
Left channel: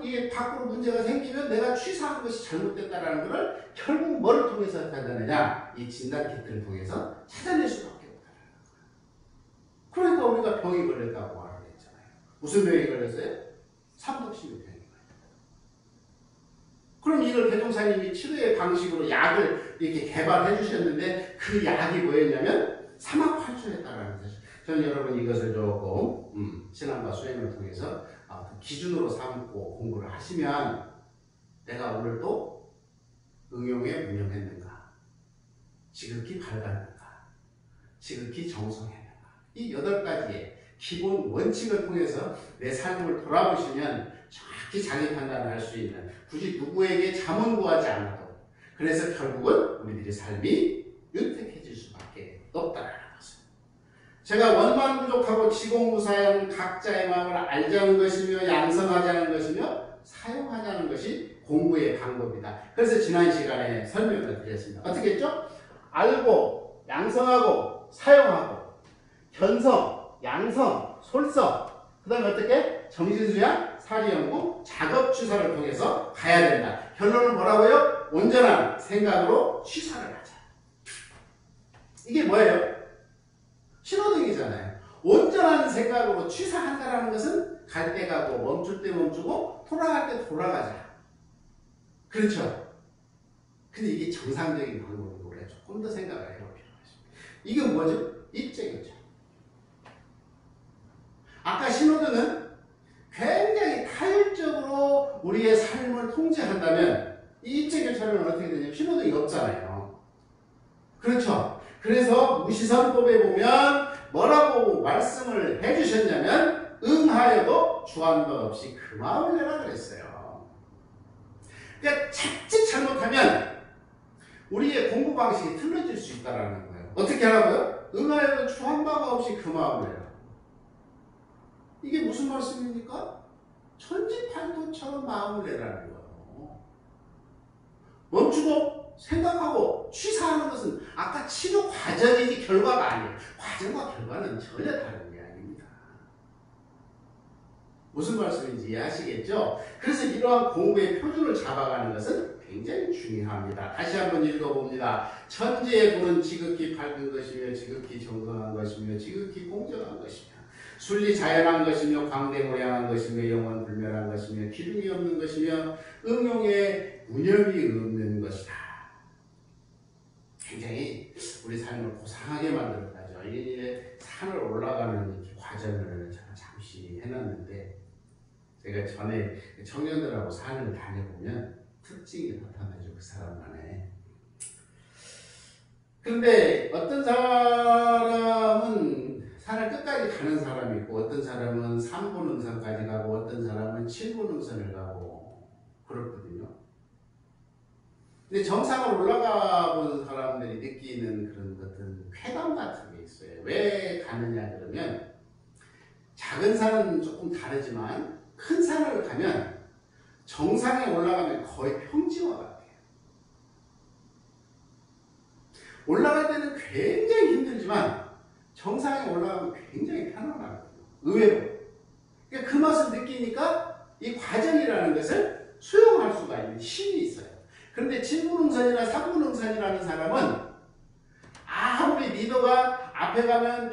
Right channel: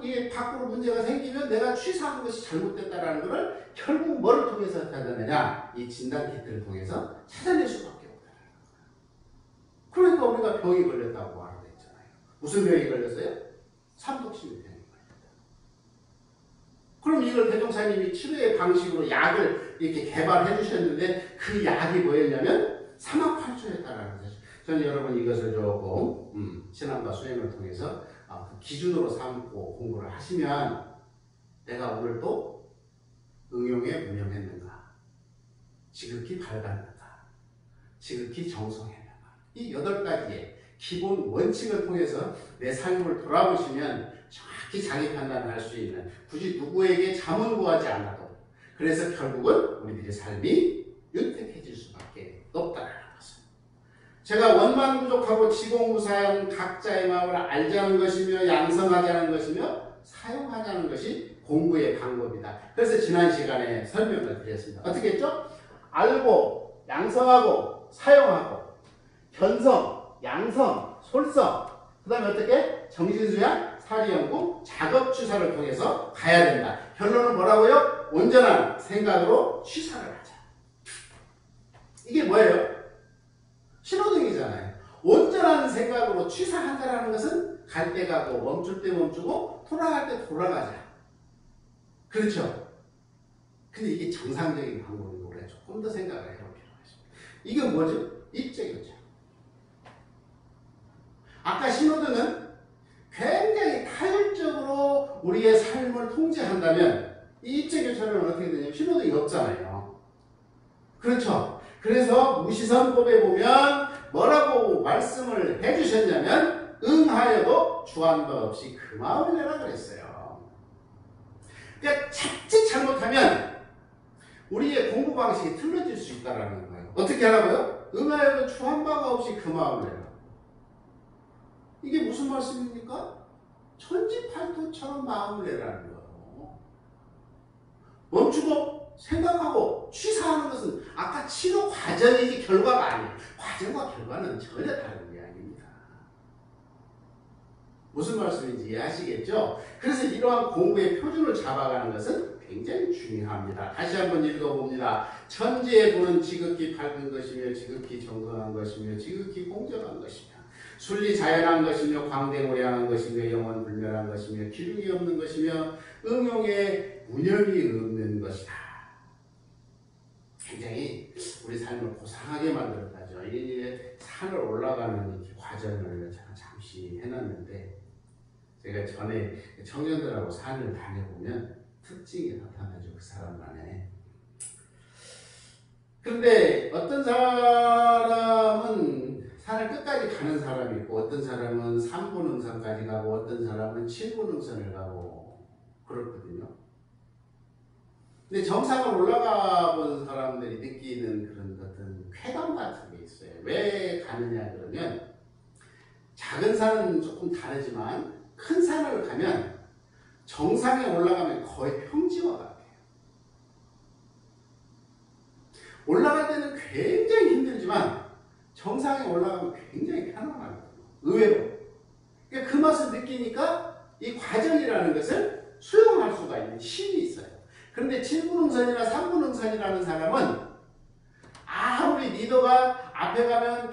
이게 밖으로 문제가 생기면 내가 취사한 것이 잘못됐다는 것을 결국 뭐를 통해서 찾아내냐? 이 진단키트를 통해서 찾아낼 수밖에 없다는 거예요. 그러니까 우리가 병이 걸렸다고 말을 했잖아요. 무슨 병이 걸렸어요? 삼독심의 병이 걸렸다. 그럼 이걸 대종사님이 치료의 방식으로 약을 이렇게 개발해 주셨는데 그 약이 뭐였냐면 사막팔조였다라는 거죠. 저는 여러분 이것을 조금 신앙과 수행을 통해서 그 기준으로 삼고 공부를 하시면 내가 오늘도 응용에 무념했는가, 지극히 밝았는가, 지극히 정성했는가, 이 8가지의 기본 원칙을 통해서 내 삶을 돌아보시면 정확히 자기 판단을 할 수 있는, 굳이 누구에게 자문 구하지 않아도, 그래서 결국은 우리들의 삶이 윤택해질 수밖에 없다는 것을. 제가 원만 부족하고 지공무사형 각자의 마음을 알자는 것이며 양성하자는 것이며 사용하자는 것이 공부의 방법이다. 그래서 지난 시간에 설명을 드렸습니다. 어떻게 했죠? 알고 양성하고 사용하고 견성, 양성, 솔성, 그 다음에 어떻게? 정신수양, 사리연구, 작업취사를 통해서 가야 된다. 결론은 뭐라고요? 온전한 생각으로 취사를 하자. 이게 뭐예요? 신호등이잖아요. 온전한 생각으로 취사한다는 것은 갈 때 가고 멈출 때 멈추고 돌아갈 때 돌아가자. 그렇죠? 근데 이게 정상적인 방법이고 그래 조금 더 생각을 해볼 필요가 있습니다. 이게 뭐죠? 입재교차. 아까 신호등은 굉장히 타율적으로 우리의 삶을 통제한다면 이 입재교차는 어떻게 되냐면 신호등이 없잖아요. 그렇죠? 그래서 무시선법에 보면 뭐라고 말씀을 해주셨냐면 응하여도 주한 바 없이 그 마음을 내라 그랬어요. 그러니까 자칫 잘못하면 우리의 공부 방식이 틀려질 수 있다는 거예요. 어떻게 하라고요? 응하여도 주한 바가 없이 그 마음을 내라. 이게 무슨 말씀입니까? 천지팔도처럼 마음을 내라는 거예요. 멈추고 생각하고 취사하는 것은 아까 치료 과정이지 결과가 아니에요. 과정과 결과는 전혀 다른 게 아닙니다. 무슨 말씀인지 이해하시겠죠? 그래서 이러한 공부의 표준을 잡아가는 것은 굉장히 중요합니다. 다시 한번 읽어봅니다. 천지의 불은 지극히 밝은 것이며 지극히 정성한 것이며 지극히 공정한 것이며 순리 자연한 것이며 광대무량한 것이며 영원 불멸한 것이며 기둥이 없는 것이며 응용에 무념이 없는 것이다. 굉장히 우리 삶을 고상하게 만들었다죠. 이 산을 올라가는 과정을 제가 잠시 해놨는데 제가 전에 청년들하고 산을 다녀보면 특징이 나타나죠. 그 사람만의. 그런데 어떤 사람은 산을 끝까지 가는 사람이 있고 어떤 사람은 3분 능선까지 가고 어떤 사람은 7분 능선을 가고 그렇거든요. 근데 정상을 올라가 본 사람들이 느끼는 그런 어떤 쾌감 같은 게 있어요. 왜 가느냐 그러면 작은 산은 조금 다르지만 큰 산을 가면 정상에 올라가면 거의 평지와 같아요. 올라갈 때는 굉장히 힘들지만 정상에 올라가면 굉장히 편안하거든요. 의외로. 그러니까 그 맛을 느끼니까 이 과정이라는 것을 수용할 수가 있는 힘이 있어요. 그런데 7분응선이나 3분응선이라는 사람은 아무리 리더가 앞에 가면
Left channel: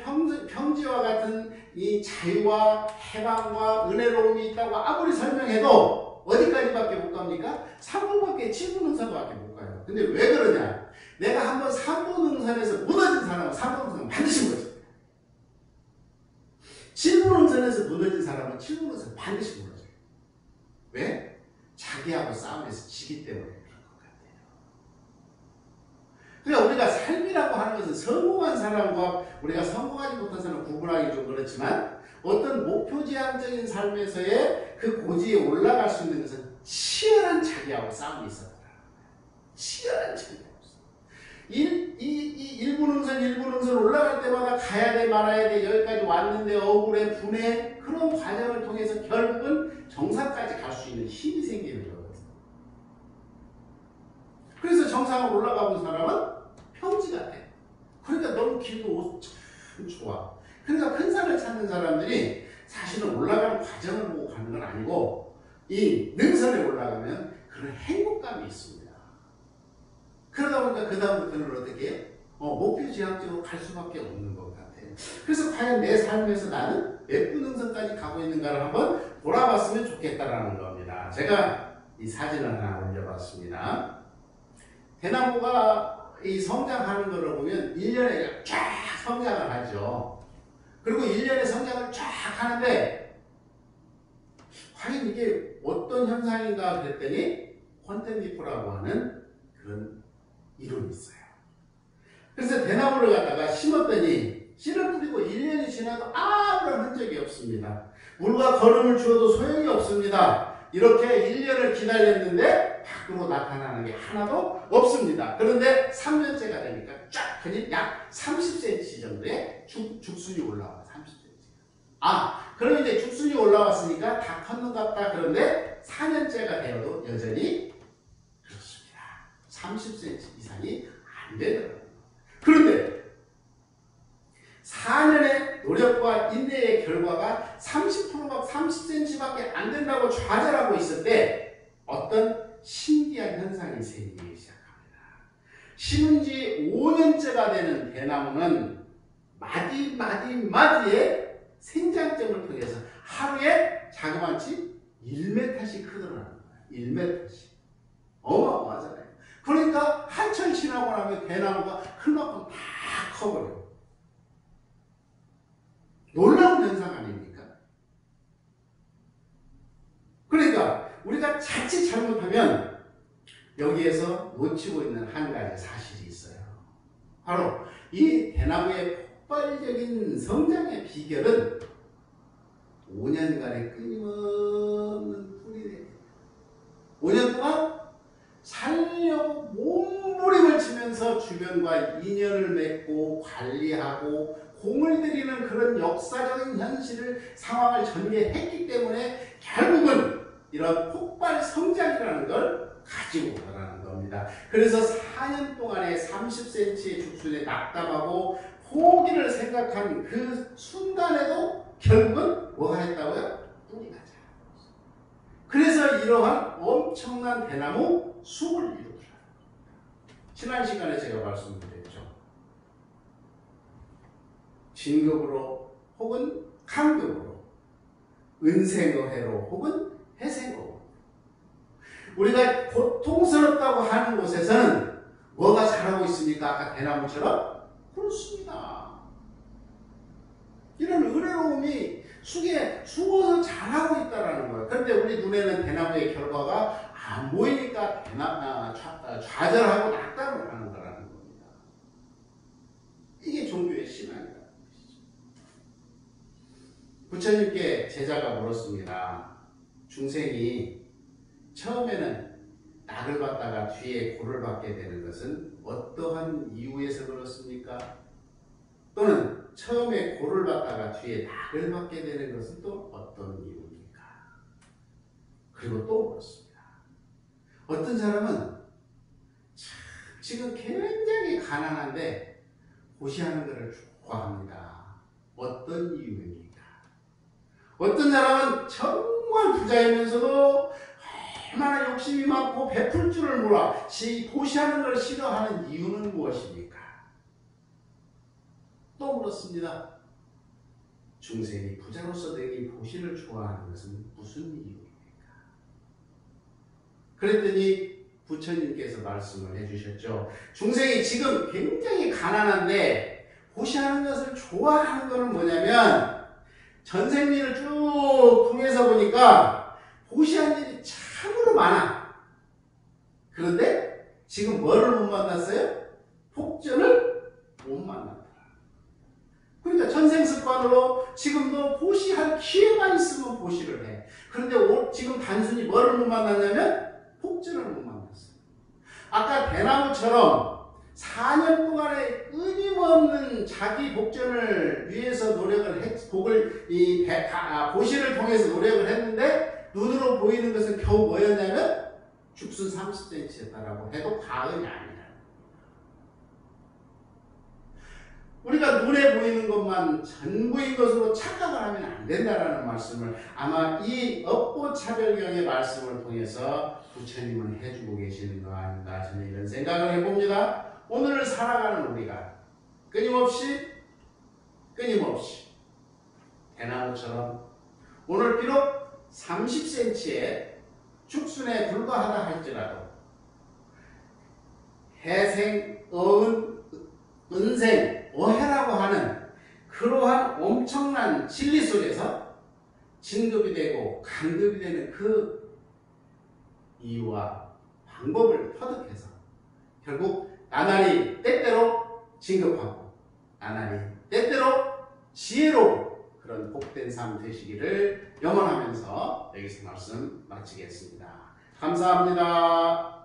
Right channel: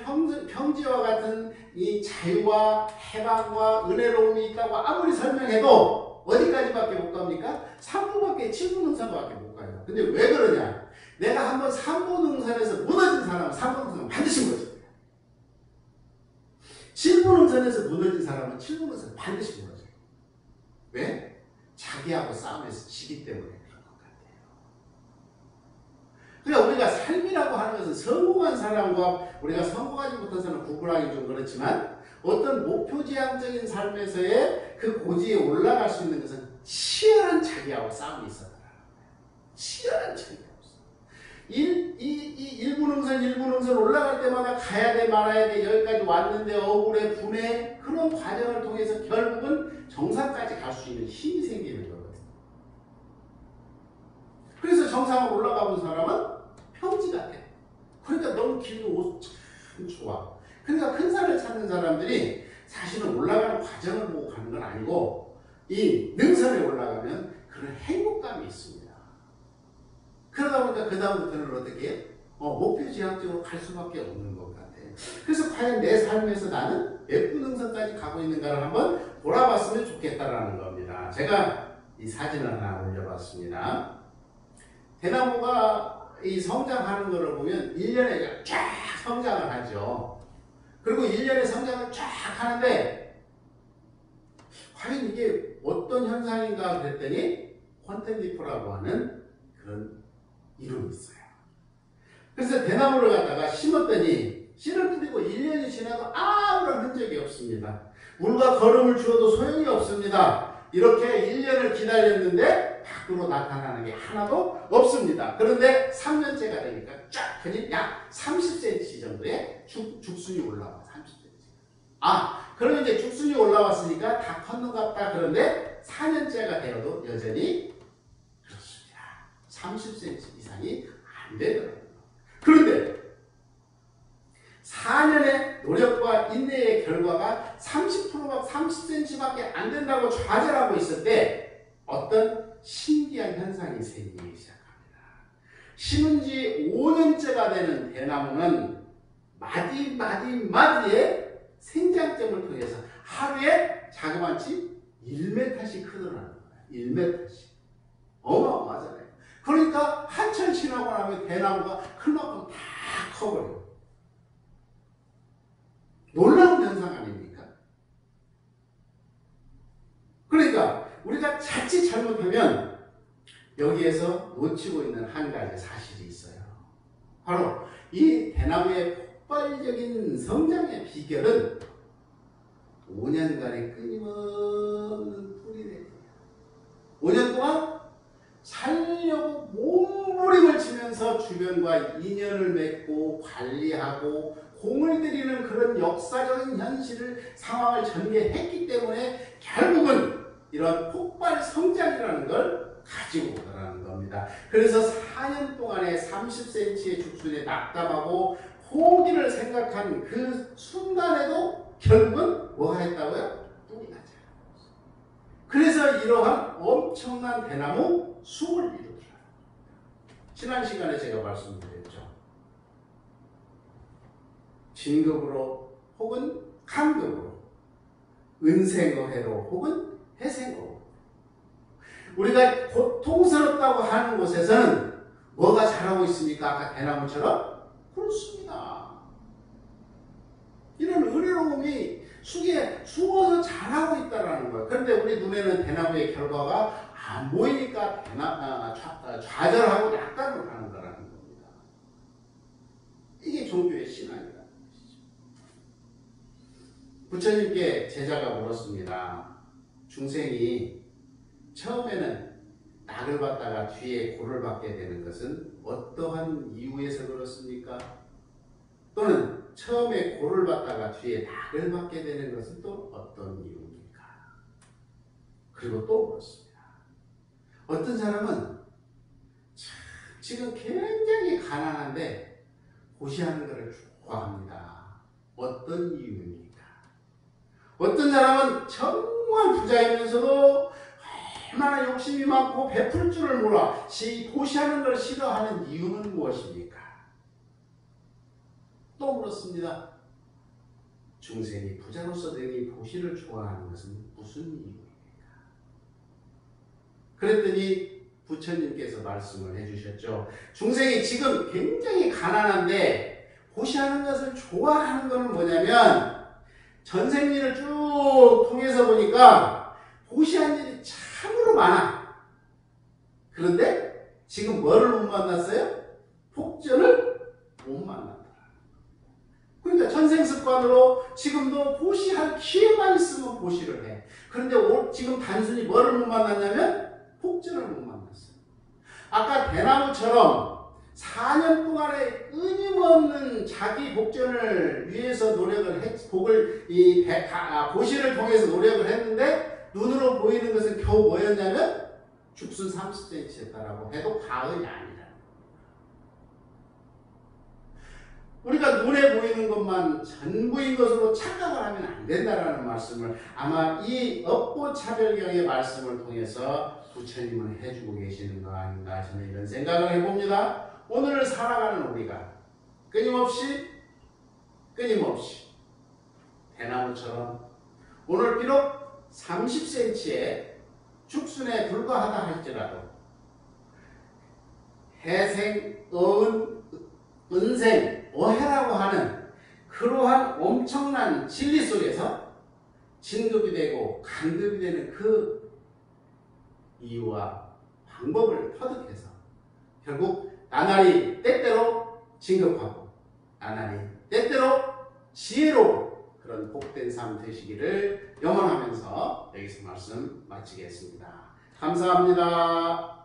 평지와 같은 이 자유와 해방과 은혜로움이 있다고 아무리 설명해도 어디까지밖에 못 갑니까? 3분밖에 7분응선밖에 못 가요. 근데 왜 그러냐? 내가 한번 3분응선에서 무너진 사람은 3분응선은 반드시 무너집니다. 7분응선에서 무너진 사람은 7분응선 반드시 무너져요. 왜? 자기하고 싸움에서 지기 때문에 그런 것 같아요. 그러니까 우리가 삶이라고 하는 것은 성공한 사람과 우리가 성공하지 못한 사람을 구분하기 좀 그렇지만 어떤 목표지향적인 삶에서의 그 고지에 올라갈 수 있는 것은 치열한 자기하고 싸움이 있었다는 거예요. 치열한 자기하고. 1분응선 올라갈 때마다 가야 돼 말아야 돼 여기까지 왔는데 억울해 분해 그런 과정을 통해서 결국은 정상까지 갈 수 있는 힘이 생기는 거거든요. 그래서 정상을 올라가 본 사람은 평지 같아. 그러니까 너무 길고 참 좋아. 그러니까 큰 산을 찾는 사람들이 사실은 올라가는 과정을 보고 가는 건 아니고 이 능선에 올라가면 그런 행복감이 있습니다. 그러다 보니까 그 다음부터는 어떻게 해요? 목표지향적으로 갈 수밖에 없는 것 같아요. 그래서 과연 내 삶에서 나는 몇 분응선까지 가고 있는가를 한번 돌아봤으면 좋겠다라는 겁니다. 제가 이 사진을 하나 올려봤습니다. 대나무가 이 성장하는 것을 보면 1년에 쫙 성장을 하죠. 그리고 1년에 성장을 쫙 하는데 과연 이게 어떤 현상인가 그랬더니 콘텐리프라고 하는 그런 이름이 있어요. 그래서 대나무를 갖다가 심었더니 씨를 뿌리고 1년이 지나도 아무런 흔적이 없습니다. 물과 거름을 주어도 소용이 없습니다. 이렇게 1년을 기다렸는데 밖으로 나타나는 게 하나도 없습니다. 그런데 3년째가 되니까 쫙 그냥 약 30cm 정도의 죽순이 올라와요. 30cm. 그럼 이제 죽순이 올라왔으니까 다 컸는갑다. 그런데 4년째가 되어도 여전히 그렇습니다. 30cm 이상이 안 되더라고요. 그런데 4년의 노력과 인내의 결과가 30%가 30cm밖에 안 된다고 좌절하고 있을 때 어떤 신기한 현상이 생기기 시작합니다. 심은 지 5년째가 되는 대나무는 마디의 생장점을 통해서 하루에 자그마치 1m씩 크더라는 거예요. 1m씩. 어마어마하잖아요. 그러니까 한철 지나고 나면 대나무가 클만큼 다 커버려요. 여기에서 놓치고 있는 한 가지 사실이 있어요. 바로 이 대나무의 폭발적인 성장의 비결은 5년간의 끊임없는 뿌리내기. 5년 동안 살려고 몸부림을 치면서 주변과 인연을 맺고 관리하고 공을 들이는 그런 역사적인 현실을 상황을 전개했기 때문에 결국은 이런 폭발 성장이라는 걸 가지고 오더라는 겁니다. 그래서 4년 동안에 30cm의 죽순에 낙담하고 포기를 생각한 그 순간에도 결국은 뭐가 했다고요? 뿌리가 자랐어요. 그래서 이러한 엄청난 대나무 숲을 이루더라. 지난 시간에 제가 말씀드렸죠. 진급으로 혹은 간급으로, 은생어회로 혹은 해생어로, 우리가 고통스럽다고 하는 곳에서는 뭐가 자라고 있습니까? 아까 대나무처럼? 그렇습니다. 이런 의뢰로움이 쑥에 숨어서 자라고 있다는 거예요. 그런데 우리 눈에는 대나무의 결과가 안 보이니까 좌절하고 낙담을 하는 거라는 겁니다. 이게 종교의 신앙이라는 것이죠. 부처님께 제자가 물었습니다. 중생이 처음에는 낙을 받다가 뒤에 고를 받게 되는 것은 어떠한 이유에서 그렇습니까? 또는 처음에 고를 받다가 뒤에 낙을 받게 되는 것은 또 어떤 이유입니까? 그리고 또 그렇습니다. 어떤 사람은 지금 굉장히 가난한데 고시하는 것을 좋아합니다. 어떤 이유입니까? 어떤 사람은 정말 부자이면서도 얼마나 욕심이 많고 베풀 줄을 몰라 고시하는 걸 싫어하는 이유는 무엇입니까? 또 물었습니다. 중생이 부자로서 능히 고시를 좋아하는 것은 무슨 이유입니까? 그랬더니 부처님께서 말씀을 해주셨죠. 중생이 지금 굉장히 가난한데 고시하는 것을 좋아하는 것은 뭐냐면 전생일을 쭉 통해서 보니까 고시한 일이 참으로 많아. 그런데 지금 뭐를 못 만났어요? 폭전을 못 만났다. 그러니까 전생습관으로 지금도 고시할 기회만 있으면 고시를 해. 그런데 지금 단순히 뭐를 못 만났냐면 폭전을 못 만났어요. 아까 대나무처럼 4년 동안에 끊임없는 자기 복전을 위해서 노력을 고시를 통해서 노력을 했는데 눈으로 보이는 것은 겨우 뭐였냐면 죽순 30cm였다라고 해도 과언이 아니라. 우리가 눈에 보이는 것만 전부인 것으로 착각을 하면 안 된다는 말씀을 아마 이 업보차별경의 말씀을 통해서 부처님은 해주고 계시는 거 아닌가 저는 이런 생각을 해봅니다. 오늘을 살아가는 우리가 끊임없이 대나무처럼 오늘 비록 30cm의 죽순에 불과하다 할지라도 해생, 어은, 은생, 어해라고 하는 그러한 엄청난 진리 속에서 진급이 되고 간급이 되는 그 이유와 방법을 터득해서 결국 나날이 때때로 진급하고 나날이 때때로 지혜로운 그런 복된 삶 되시기를 염원하면서 여기서 말씀 마치겠습니다. 감사합니다.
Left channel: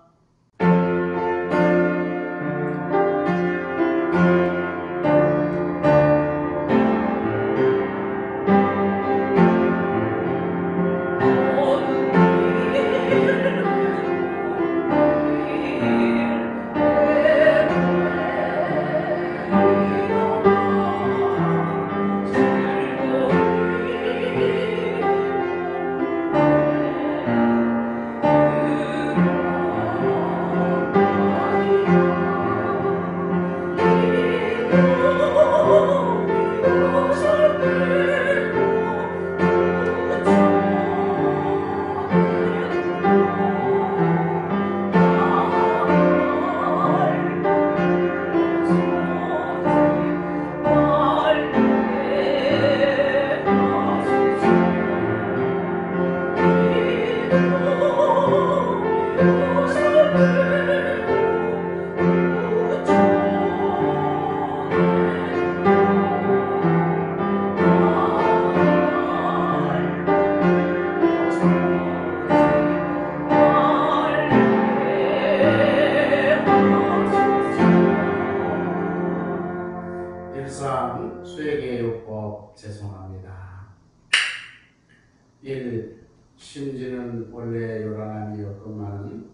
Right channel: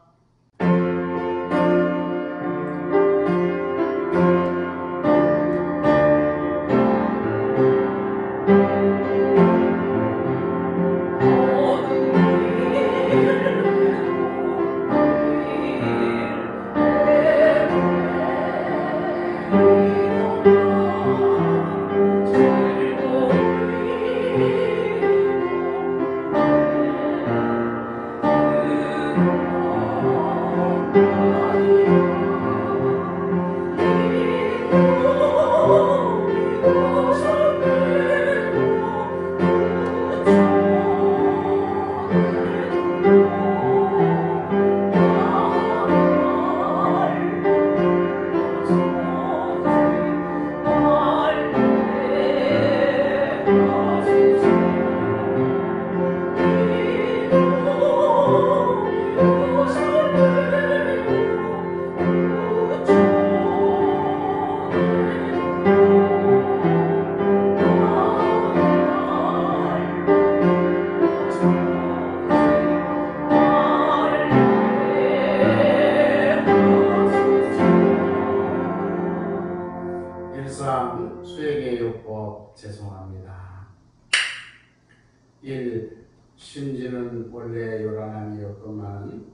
1. 심지는 원래 요란함이었건만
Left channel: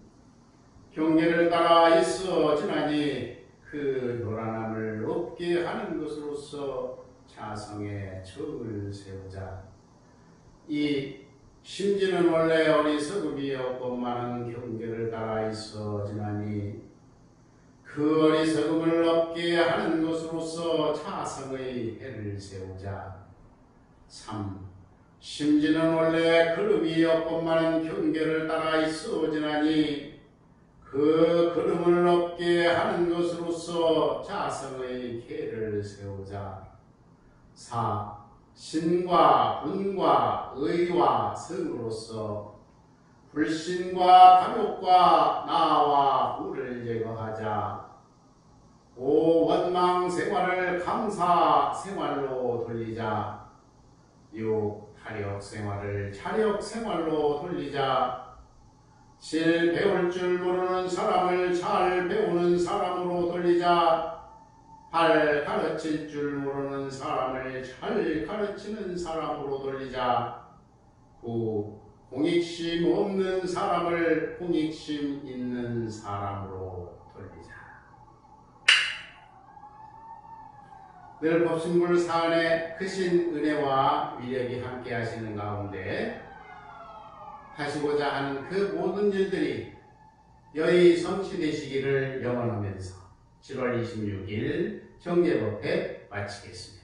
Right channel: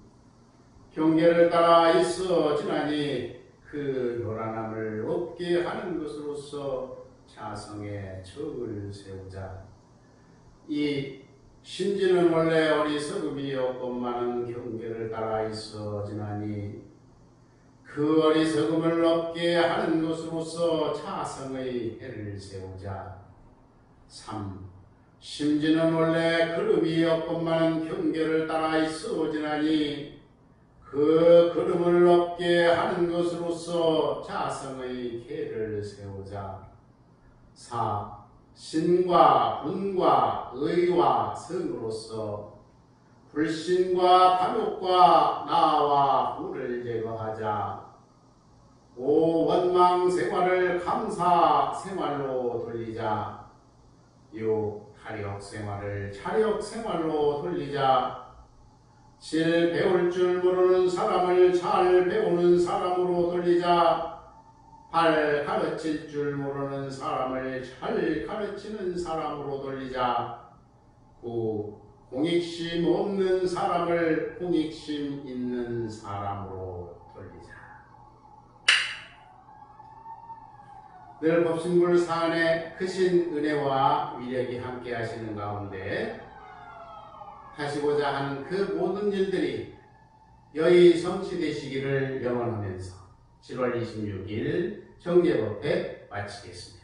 경계를 따라 있어 지나니 그 요란함을 없게 하는 것으로서 자성의 척을 세우자. 이 심지는 원래 어리석음이었건만 경계를 따라 있어 지나니 그 어리석음을 없게 하는 것으로서 자성의 해를 세우자. 3. 심지는 원래 걸음이었건만 경계를 따라 있어 지나니 그 걸음을 없게 하는 것으로서 자성의 해를 세우자. 4. 신과 분과 의와 성으로서 불신과 탐욕과 나와 후를 제거하자. 5. 원망 생활을 감사 생활로 돌리자. 6. 타력 생활을 차력 생활로 돌리자. 7. 배울 줄 모르는 사람을 잘 배우는 사람으로 돌리자. 8. 가르칠 줄 모르는 사람을 잘 가르치는 사람으로 돌리자. 9. 공익심 없는 사람을 공익심 있는 사람으로 돌리자. 늘 법신불 사안에 크신 은혜와 위력이 함께 하시는 가운데 하시고자 하는 그 모든 일들이 여의 성취되시기를 염원하면서 7월 26일 정례법회 마치겠습니다.